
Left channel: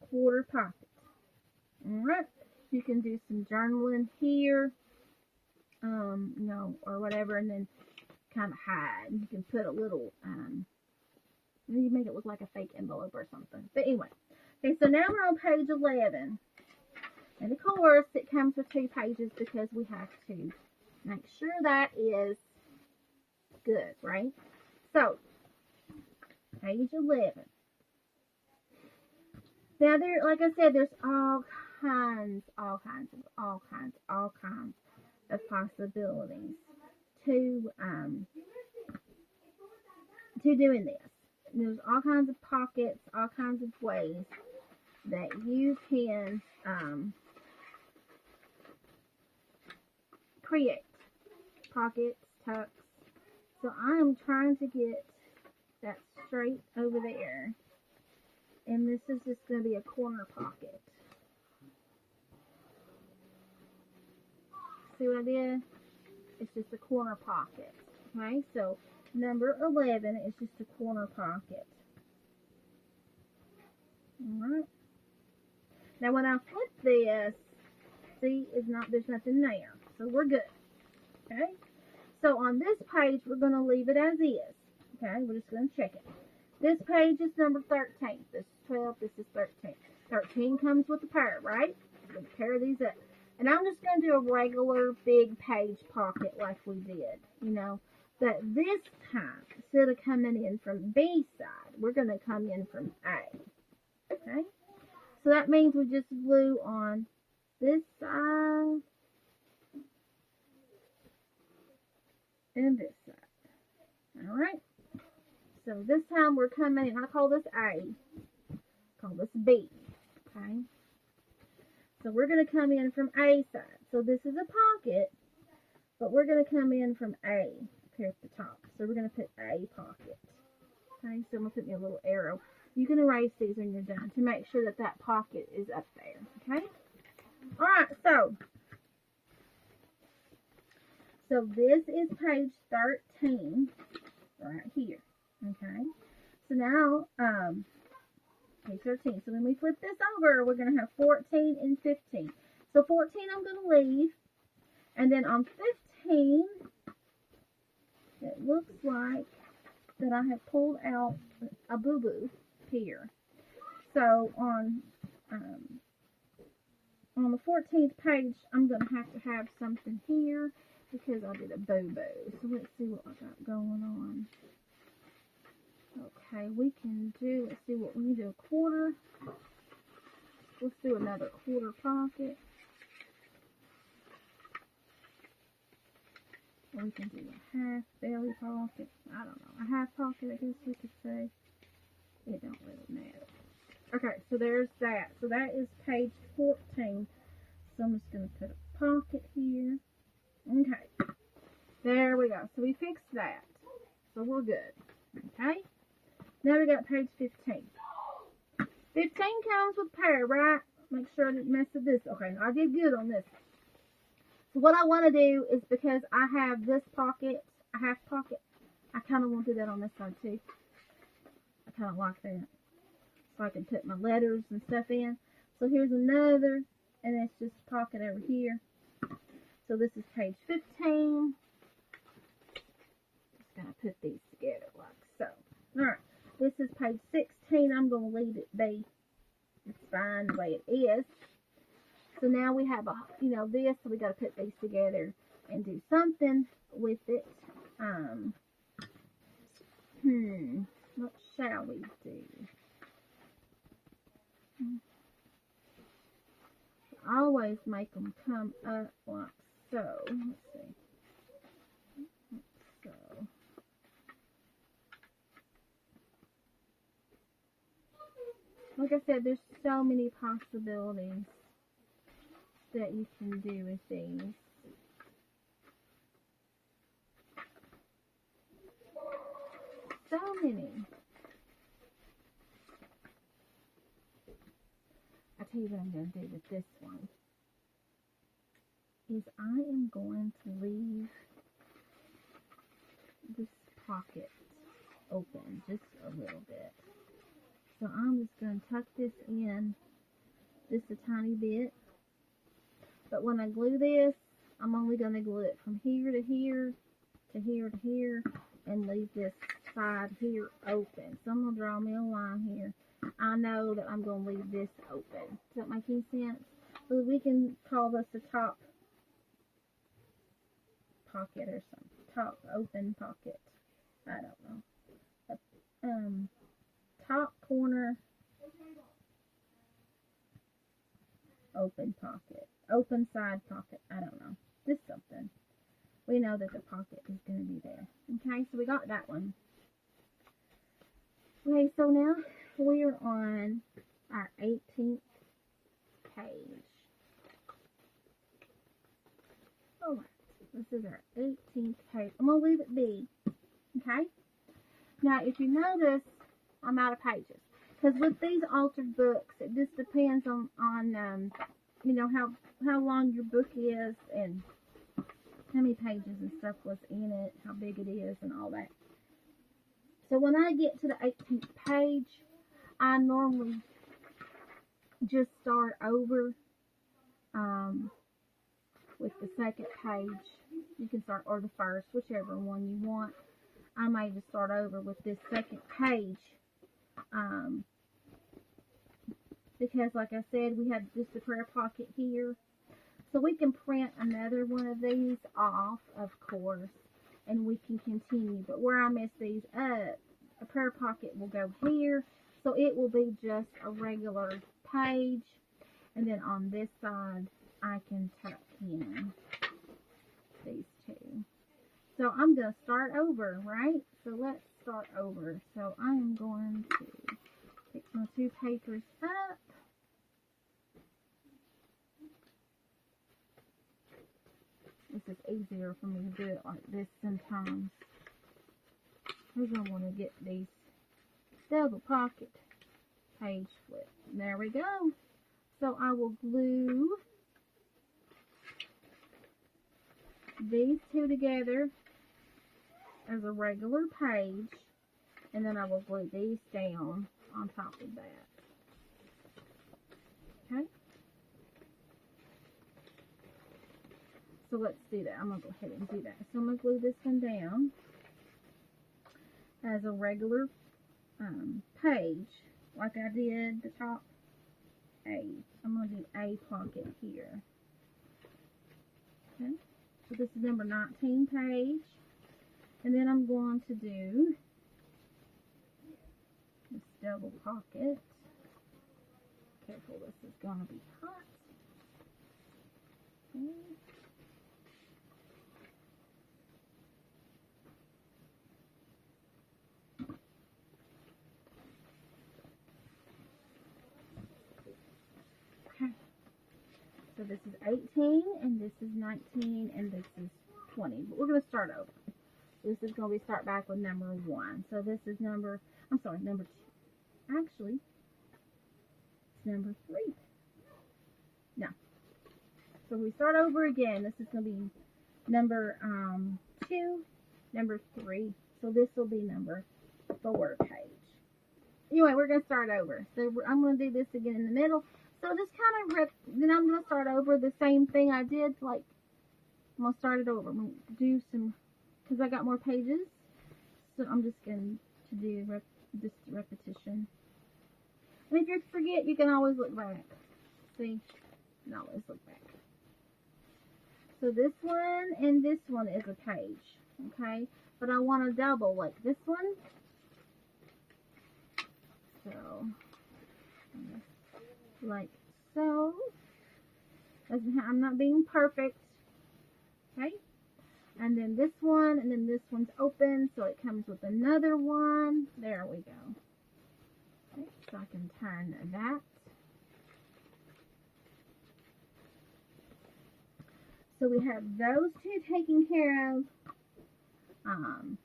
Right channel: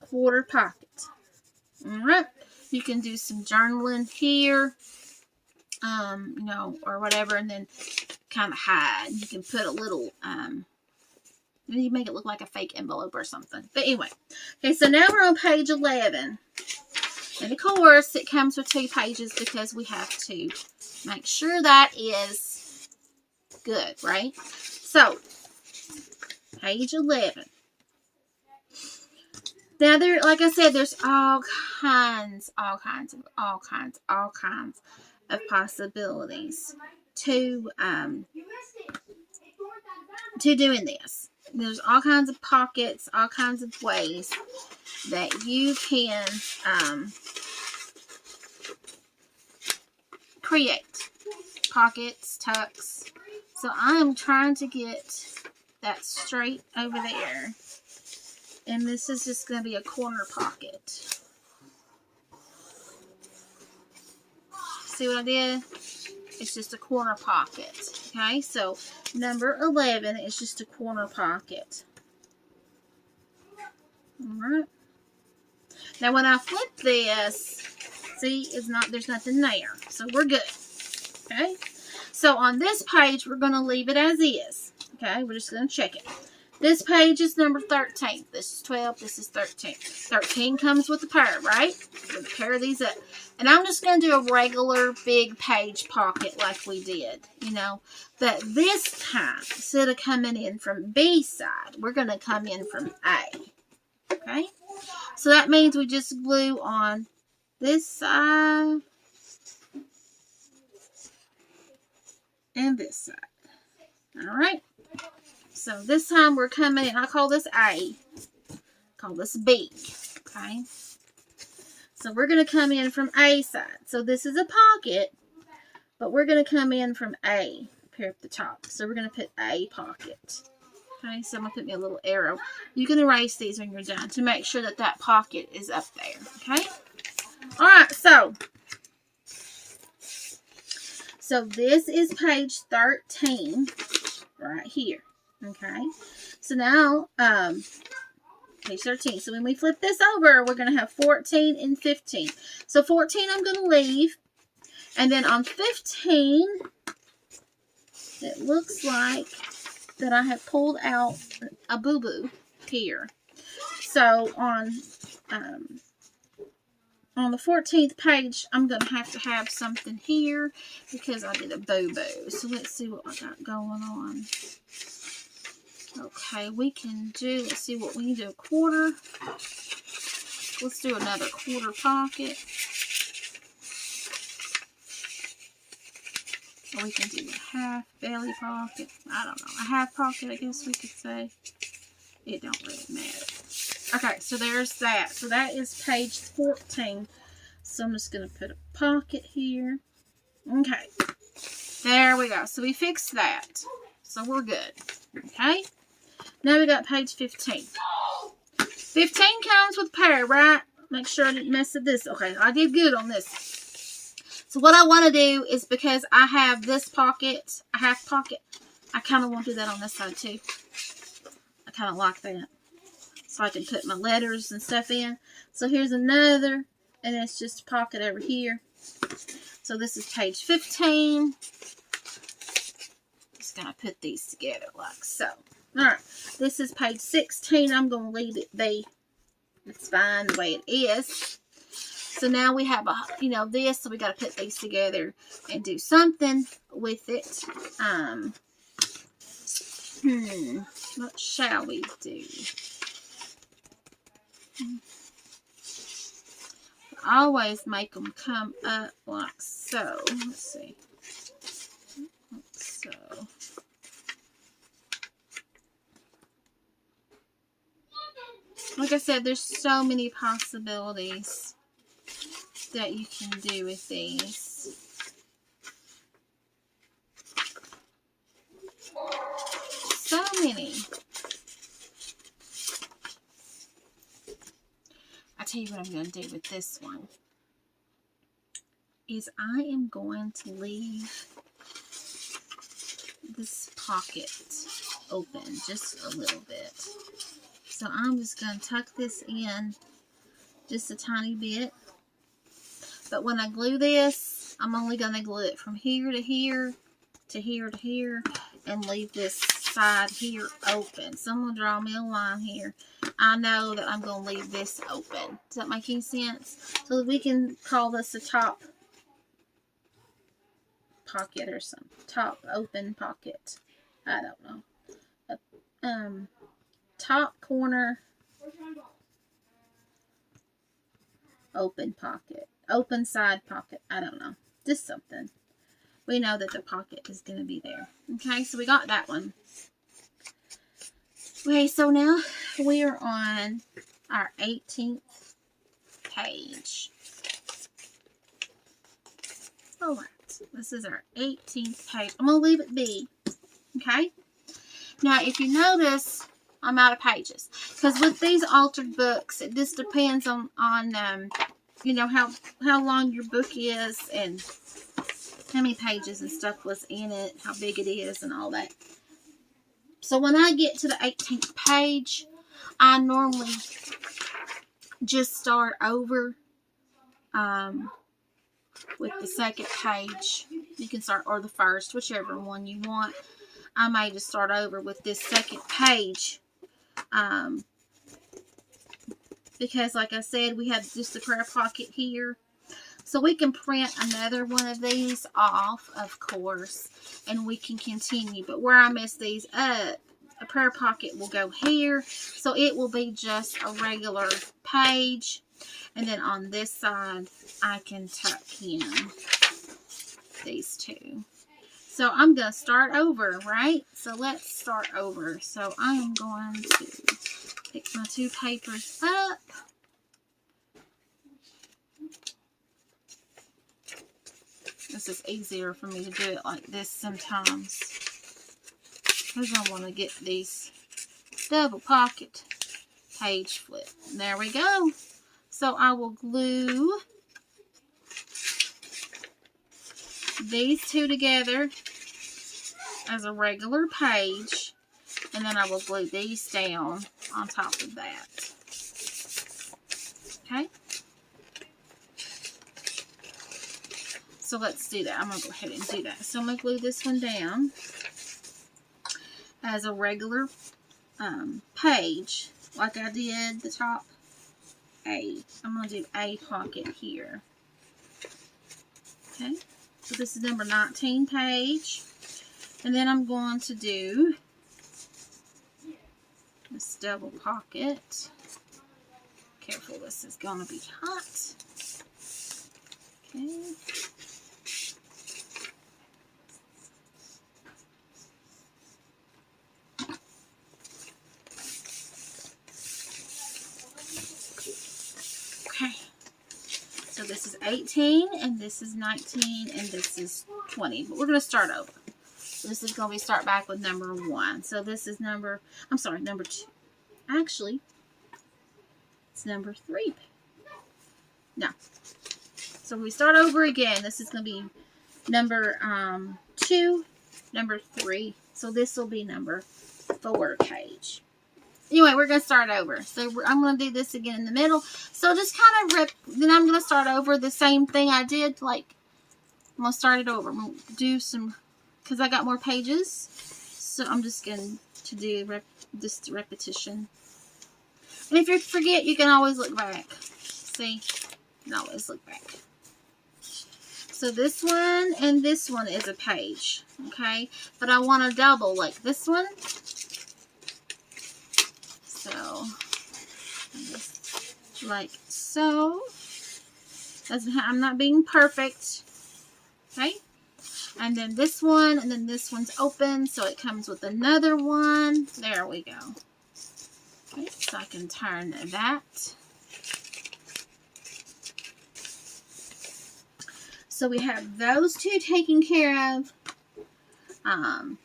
quarter pocket. Alright. You can do some journaling here, you know, or whatever, and then kind of hide. You can put a little, you make it look like a fake envelope or something. But anyway, okay, so now we're on page 11. And of course, it comes with 2 pages because we have to make sure that is good, right? So, page 11. Now, there, like I said, there's all kinds of possibilities to doing this. There's all kinds of pockets, all kinds of ways that you can create pockets, tucks. So I am trying to get that straight over there. And this is just going to be a corner pocket. See what I did? It's just a corner pocket. Okay, so number 11 is just a corner pocket. Alright. Now when I flip this, see, there's nothing there. So we're good. Okay. So on this page, we're going to leave it as is. Okay, we're just going to check it. This page is number 13. This is 12. This is 13. 13 comes with a pair, right? We're going to pair these up. And I'm just going to do a regular big page pocket like we did, you know. But this time, instead of coming in from B side, we're going to come in from A. Okay? So that means we just glue on this side and this side. Alright? So this time we're coming in, I call this A, call this B, okay? So we're going to come in from A side. So this is a pocket, but we're going to come in from A up here at the top. So we're going to put A pocket. Okay, so I'm going to put me a little arrow. You can erase these when you're done to make sure that that pocket is up there, okay? Alright, so this is page 13 right here. Okay, so now, page 13. So when we flip this over, we're going to have 14 and 15. So 14 I'm going to leave. And then on 15, it looks like that I have pulled out a boo-boo here. So on the 14th page, I'm going to have something here because I did a boo-boo. So let's see what I got going on. Okay, we can do, let's see what we can do, a quarter. Let's do another quarter pocket. Or we can do a half belly pocket. I don't know, a half pocket, I guess we could say. It don't really matter. Okay, so there's that. So that is page 14. So I'm just going to put a pocket here. Okay, there we go. So we fixed that. So we're good. Okay. Now we got page 15. 15 comes with a pair, right? Make sure I didn't mess with this. Okay, I did good on this. So what I want to do is, because I have this pocket, a half pocket, I kind of want to do that on this side too. I kind of like that. So I can put my letters and stuff in. So here's another, and it's just a pocket over here. So this is page 15. Just going to put these together like so. Alright, this is page 16. I'm going to leave it be. It's fine the way it is. So now we have this, so we got to put these together and do something with it. What shall we do? Always make them come up like so. Let's see. So. Like I said, there's so many possibilities that you can do with these. So many. I tell you what I'm going to do with this one is I am going to leave this pocket open just a little bit. So I'm just going to tuck this in just a tiny bit. But when I glue this, I'm only going to glue it from here to here to here to here and leave this side here open. So I'm going to draw me a line here. I know that I'm going to leave this open. Does that make any sense? So we can call this a top pocket or something. Top open pocket. I don't know. Top corner open pocket. Open side pocket. I don't know. Just something. We know that the pocket is going to be there. Okay, so we got that one. Okay, so now we are on our 18th page. Alright, this is our 18th page. I'm going to leave it be. Okay? Now, if you notice, I'm out of pages. Because with these altered books, it just depends on you know, how long your book is and how many pages and stuff was in it, how big it is and all that. So when I get to the 18th page, I normally just start over with the second page. You can start, or the first, whichever one you want. I may just start over with this second page. Because like I said, we had just a prayer pocket here. So we can print another one of these off, of course, and we can continue. But where I mess these up, a prayer pocket will go here. So it will be just a regular page. And then on this side, I can tuck in these two. So I'm going to start over, right? So let's start over. So I am going to pick my two papers up. This is easier for me to do it like this sometimes, because I want to get these double pocket page flip. There we go. So I will glue these two together as a regular page, and then I will glue these down on top of that. Okay? So let's do that. I'm going to go ahead and do that. So I'm going to glue this one down as a regular page, like I did the top A. I'm going to do A pocket here. Okay? So this is number 19 page. And then I'm going to do this double pocket. Careful, this is going to be hot. Okay. Okay. So this is 18, and this is 19, and this is 20. But we're going to start over. This is going to be start back with number 1. So this is number 2. Actually, it's number 3. No. So we start over again. This is going to be number 2, number 3. So this will be number 4 page. Anyway, we're going to start over. So I'm going to do this again in the middle. So just kind of then I'm going to start over the same thing I did. Like, I'm going to start it over. I'm going to do some, because I got more pages. So I'm just going to do just repetition. And if you forget, you can always look back. See? And always look back. So this one and this one is a page, okay? But I want to double like this one. So, like so. I'm not being perfect, okay? And then this one, and then this one's open, so it comes with another one. There we go. Okay, so I can turn that. So we have those two taken care of. And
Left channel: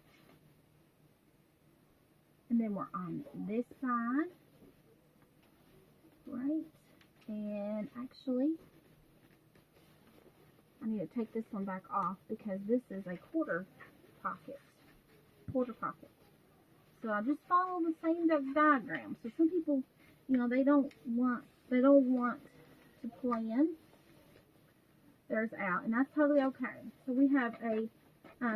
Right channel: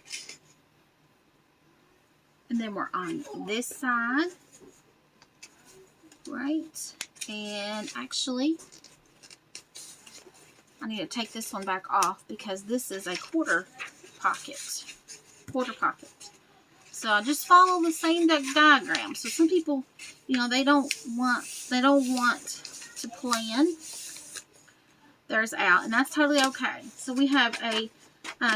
then we're on this side. Right. And actually, I need to take this one back off because this is a quarter pocket. So I just follow the same diagram. So some people, you know, they don't want to plan theirs out, and that's totally okay. So we have a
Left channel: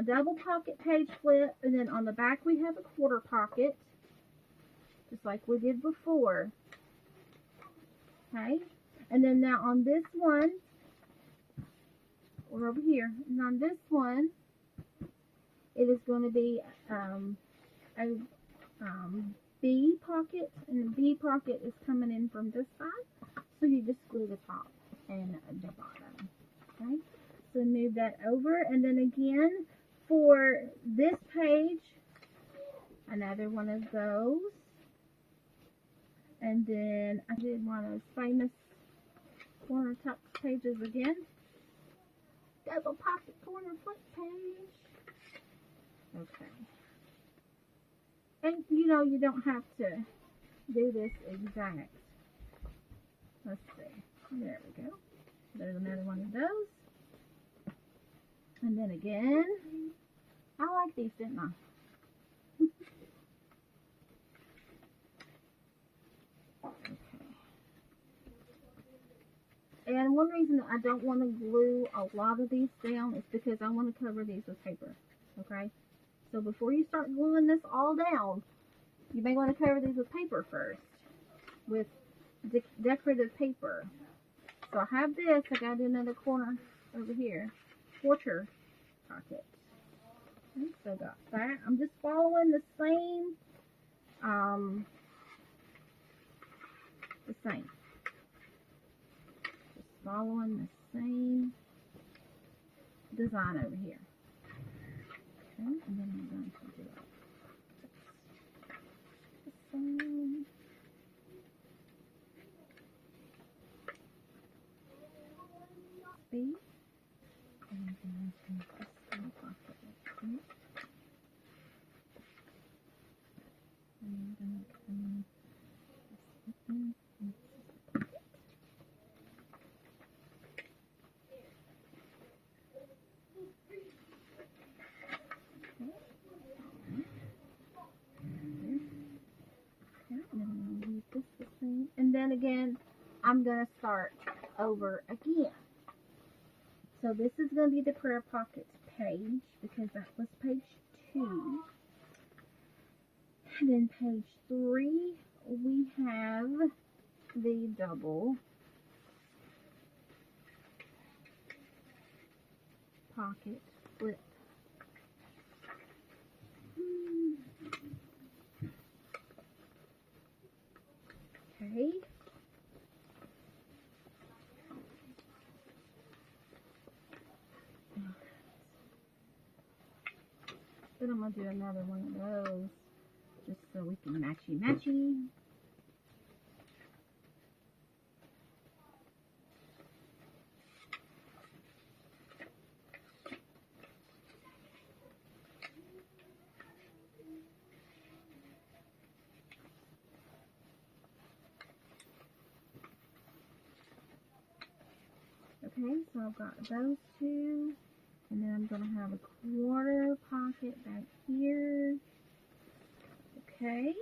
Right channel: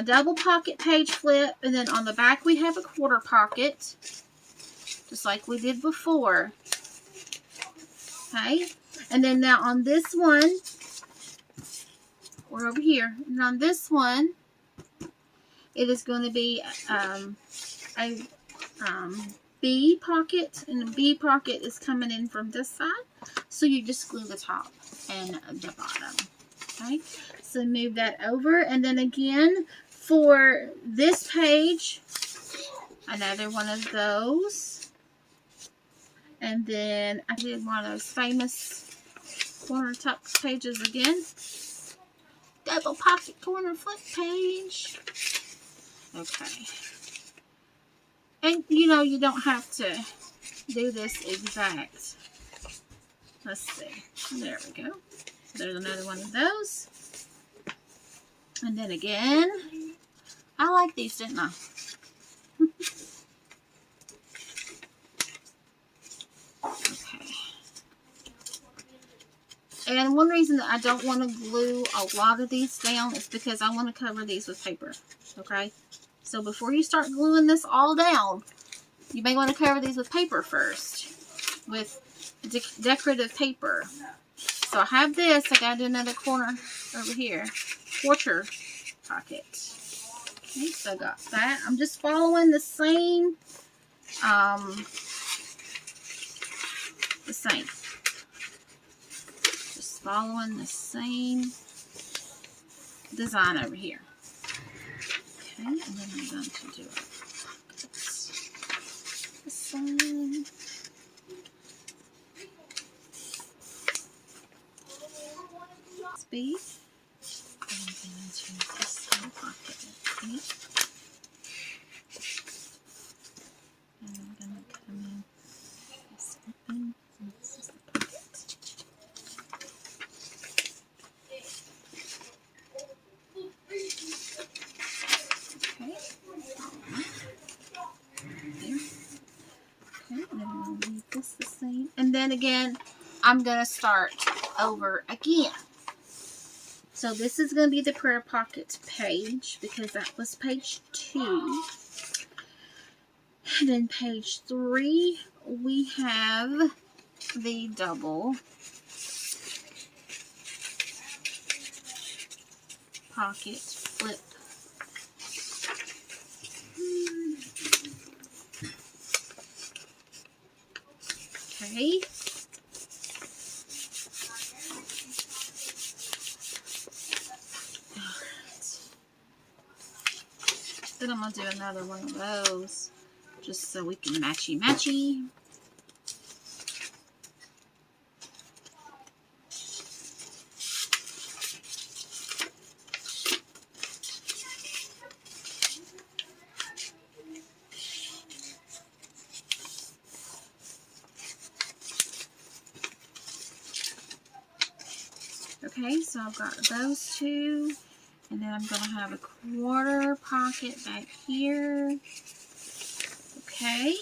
double pocket page flip, and then on the back we have a quarter pocket, just like we did before. Okay, and then now on this one, we're over here, and on this one, it is going to be a B pocket, and the B pocket is coming in from this side, so you just glue the top and the bottom. Okay, so move that over, and then again for this page, another one of those, and then I did one of those famous corner top pages again, double pocket corner flip page. Okay, and you know you don't have to do this exact. Let's see, there we go. There's another one of those. And then again, I like these, didn't I? Okay. And one reason that I don't want to glue a lot of these down is because I want to cover these with paper. Okay? So before you start gluing this all down, you may want to cover these with paper first. With decorative paper. So I have this. I gotta do another corner over here. Quarter pocket. Okay, so I got that. I'm just following the same. Just following the same design over here. Okay, and then I'm going to do it. This side. B. I'm going to this little pocket. Okay. And I'm going to come in this open, and this is the pocket. Okay. There. Okay, and then we'll leave this the same. And then again, I'm going to start over again. So this is going to be the prayer pocket page because that was page 2. And then page 3, we have the double pocket flip. Okay. Then I'm going to do another one of those just so we can matchy. Okay, so I've got those two. And then I'm going to have a quarter pocket back here. Okay.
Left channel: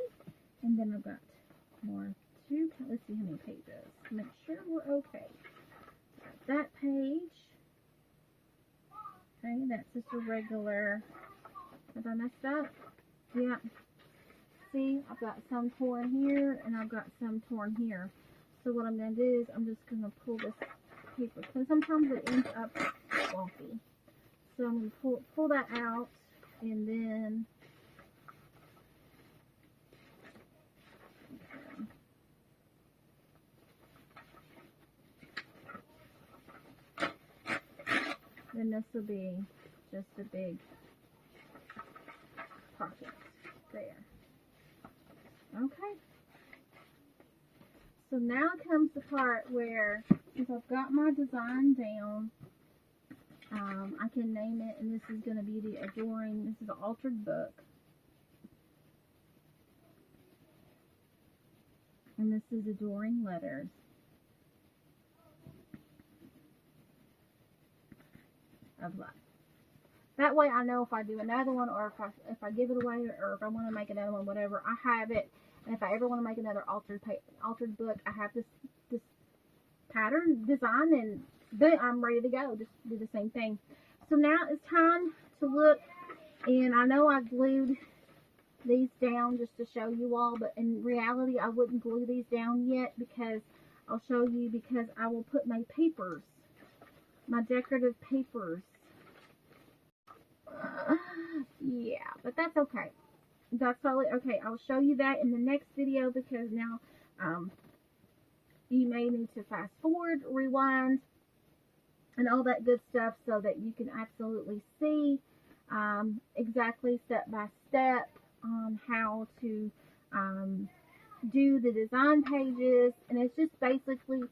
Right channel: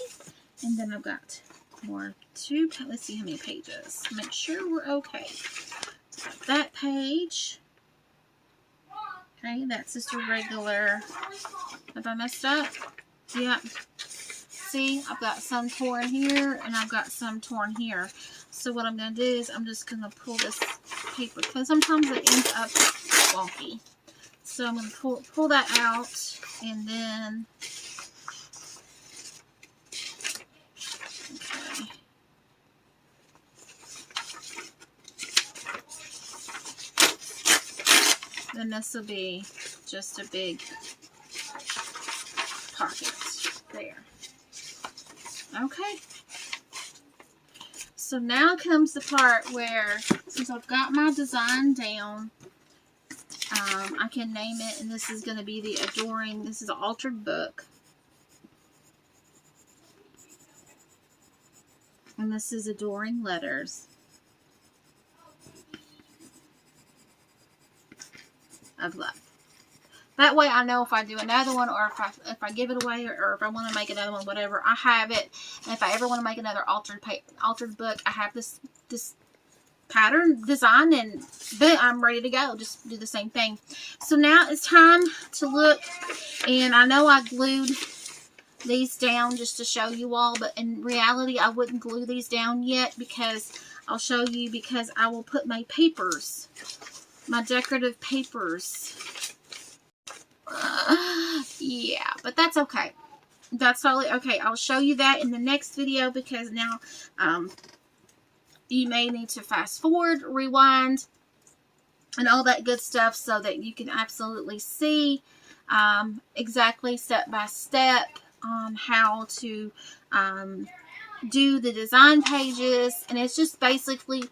And then I've got more 2. Let's see how many pages. Make sure we're okay. Got that page. Okay, that's just a regular. Have I messed up? Yeah. See, I've got some torn here and I've got some torn here. So what I'm going to do is I'm just going to pull this paper because sometimes it ends up wonky. So I'm going to pull that out, and then okay. Then this will be just a big pocket there. Okay. So now comes the part where, since I've got my design down, I can name it, and this is going to be the Adoring, this is an altered book. And this is Adoring Letters of Love. That way I know if I do another one, or if I give it away, or if I want to make another one, whatever, I have it. And if I ever want to make another altered book, I have this pattern design, and boom, I'm ready to go. Just do the same thing. So now it's time to look, and I know I glued these down just to show you all, but in reality I wouldn't glue these down yet, because I'll show you, because I will put my papers, my decorative papers. Yeah, but that's okay. That's totally okay. I'll show you that in the next video, because now you may need to fast forward, rewind, and all that good stuff, so that you can absolutely see exactly step by step how to do the design pages. And it's just basically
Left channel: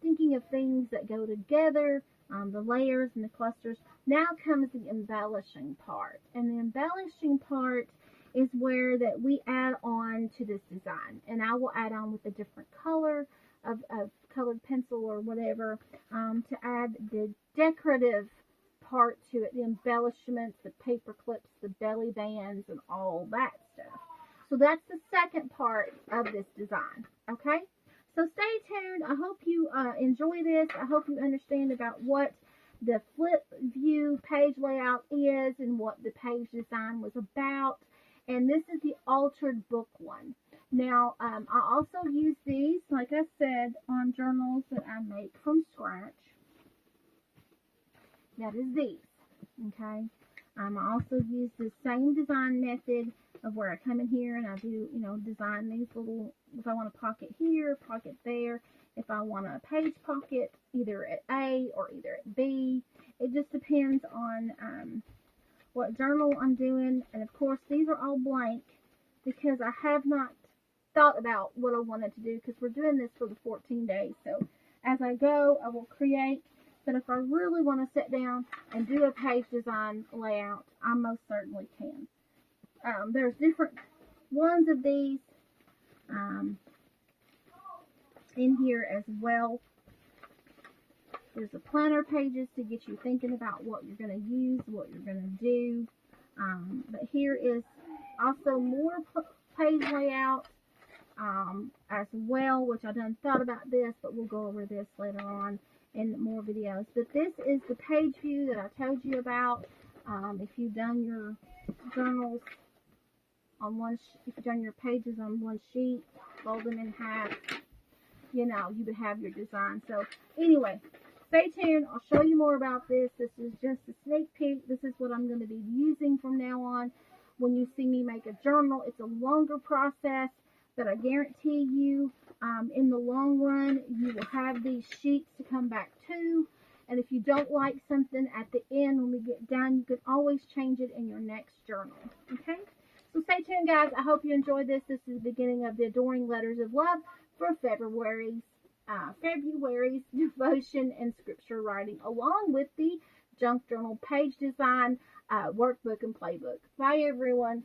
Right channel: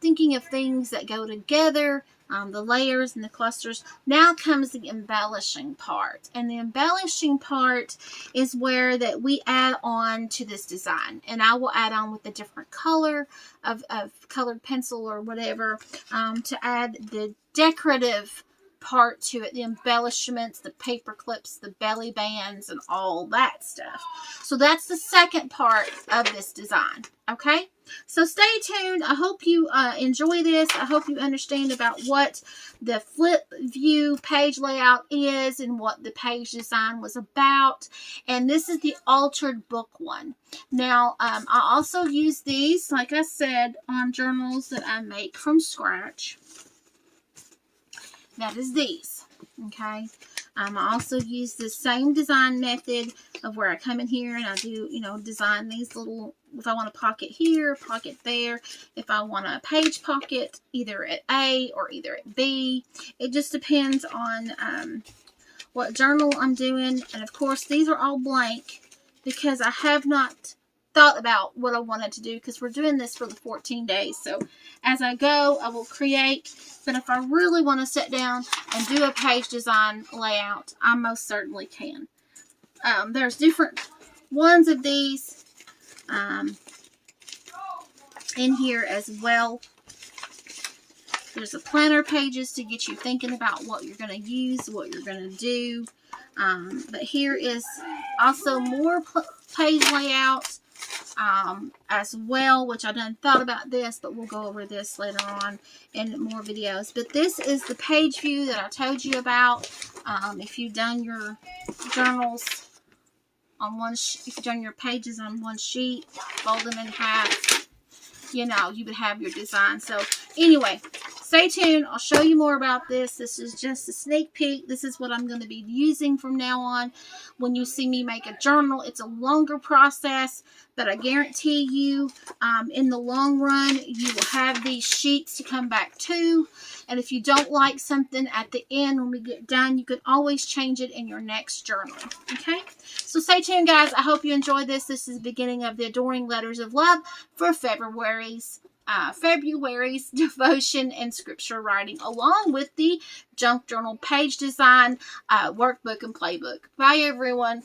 thinking of things that go together, the layers and the clusters. Now comes the embellishing part, and the embellishing part is where that we add on to this design, and I will add on with a different color of colored pencil or whatever to add the decorative part to it, the embellishments, the paper clips, the belly bands, and all that stuff. So that's the second part of this design. Okay, so stay tuned. I hope you enjoy this. I hope you understand about what the flip view page layout is and what the page design was about. And this is the altered book one. Now I also use these, like I said, on journals that I make from scratch. That is these. Okay, I also use the same design method of where I come in here and I do, you know, design these little, if I want a pocket here, pocket there, if I want a page pocket either at A or either at B. It just depends on what journal I'm doing. And of course these are all blank because I have not thought about what I wanted to do, because we're doing this for the 14 days. So as I go, I will create. But if I really want to sit down and do a page design layout, I most certainly can. There's different ones of these in here as well. There's the planner pages to get you thinking about what you're going to use, what you're going to do. But here is also more page layouts as well, which I done thought about this, but we'll go over this later on in more videos. But this is the page view that I told you about. If you've done your journals on one, if you've done your pages on one sheet, fold them in half, you know, you would have your design. So anyway, stay tuned. I'll show you more about this. This is just a sneak peek. This is what I'm going to be using from now on. When you see me make a journal, it's a longer process, but I guarantee you in the long run, you will have these sheets to come back to. And if you don't like something at the end when we get done, you can always change it in your next journal. Okay? So stay tuned, guys. I hope you enjoyed this. This is the beginning of the Adoring Letters of Love for February's devotion and scripture writing, along with the junk journal page design workbook and playbook. Bye, everyone.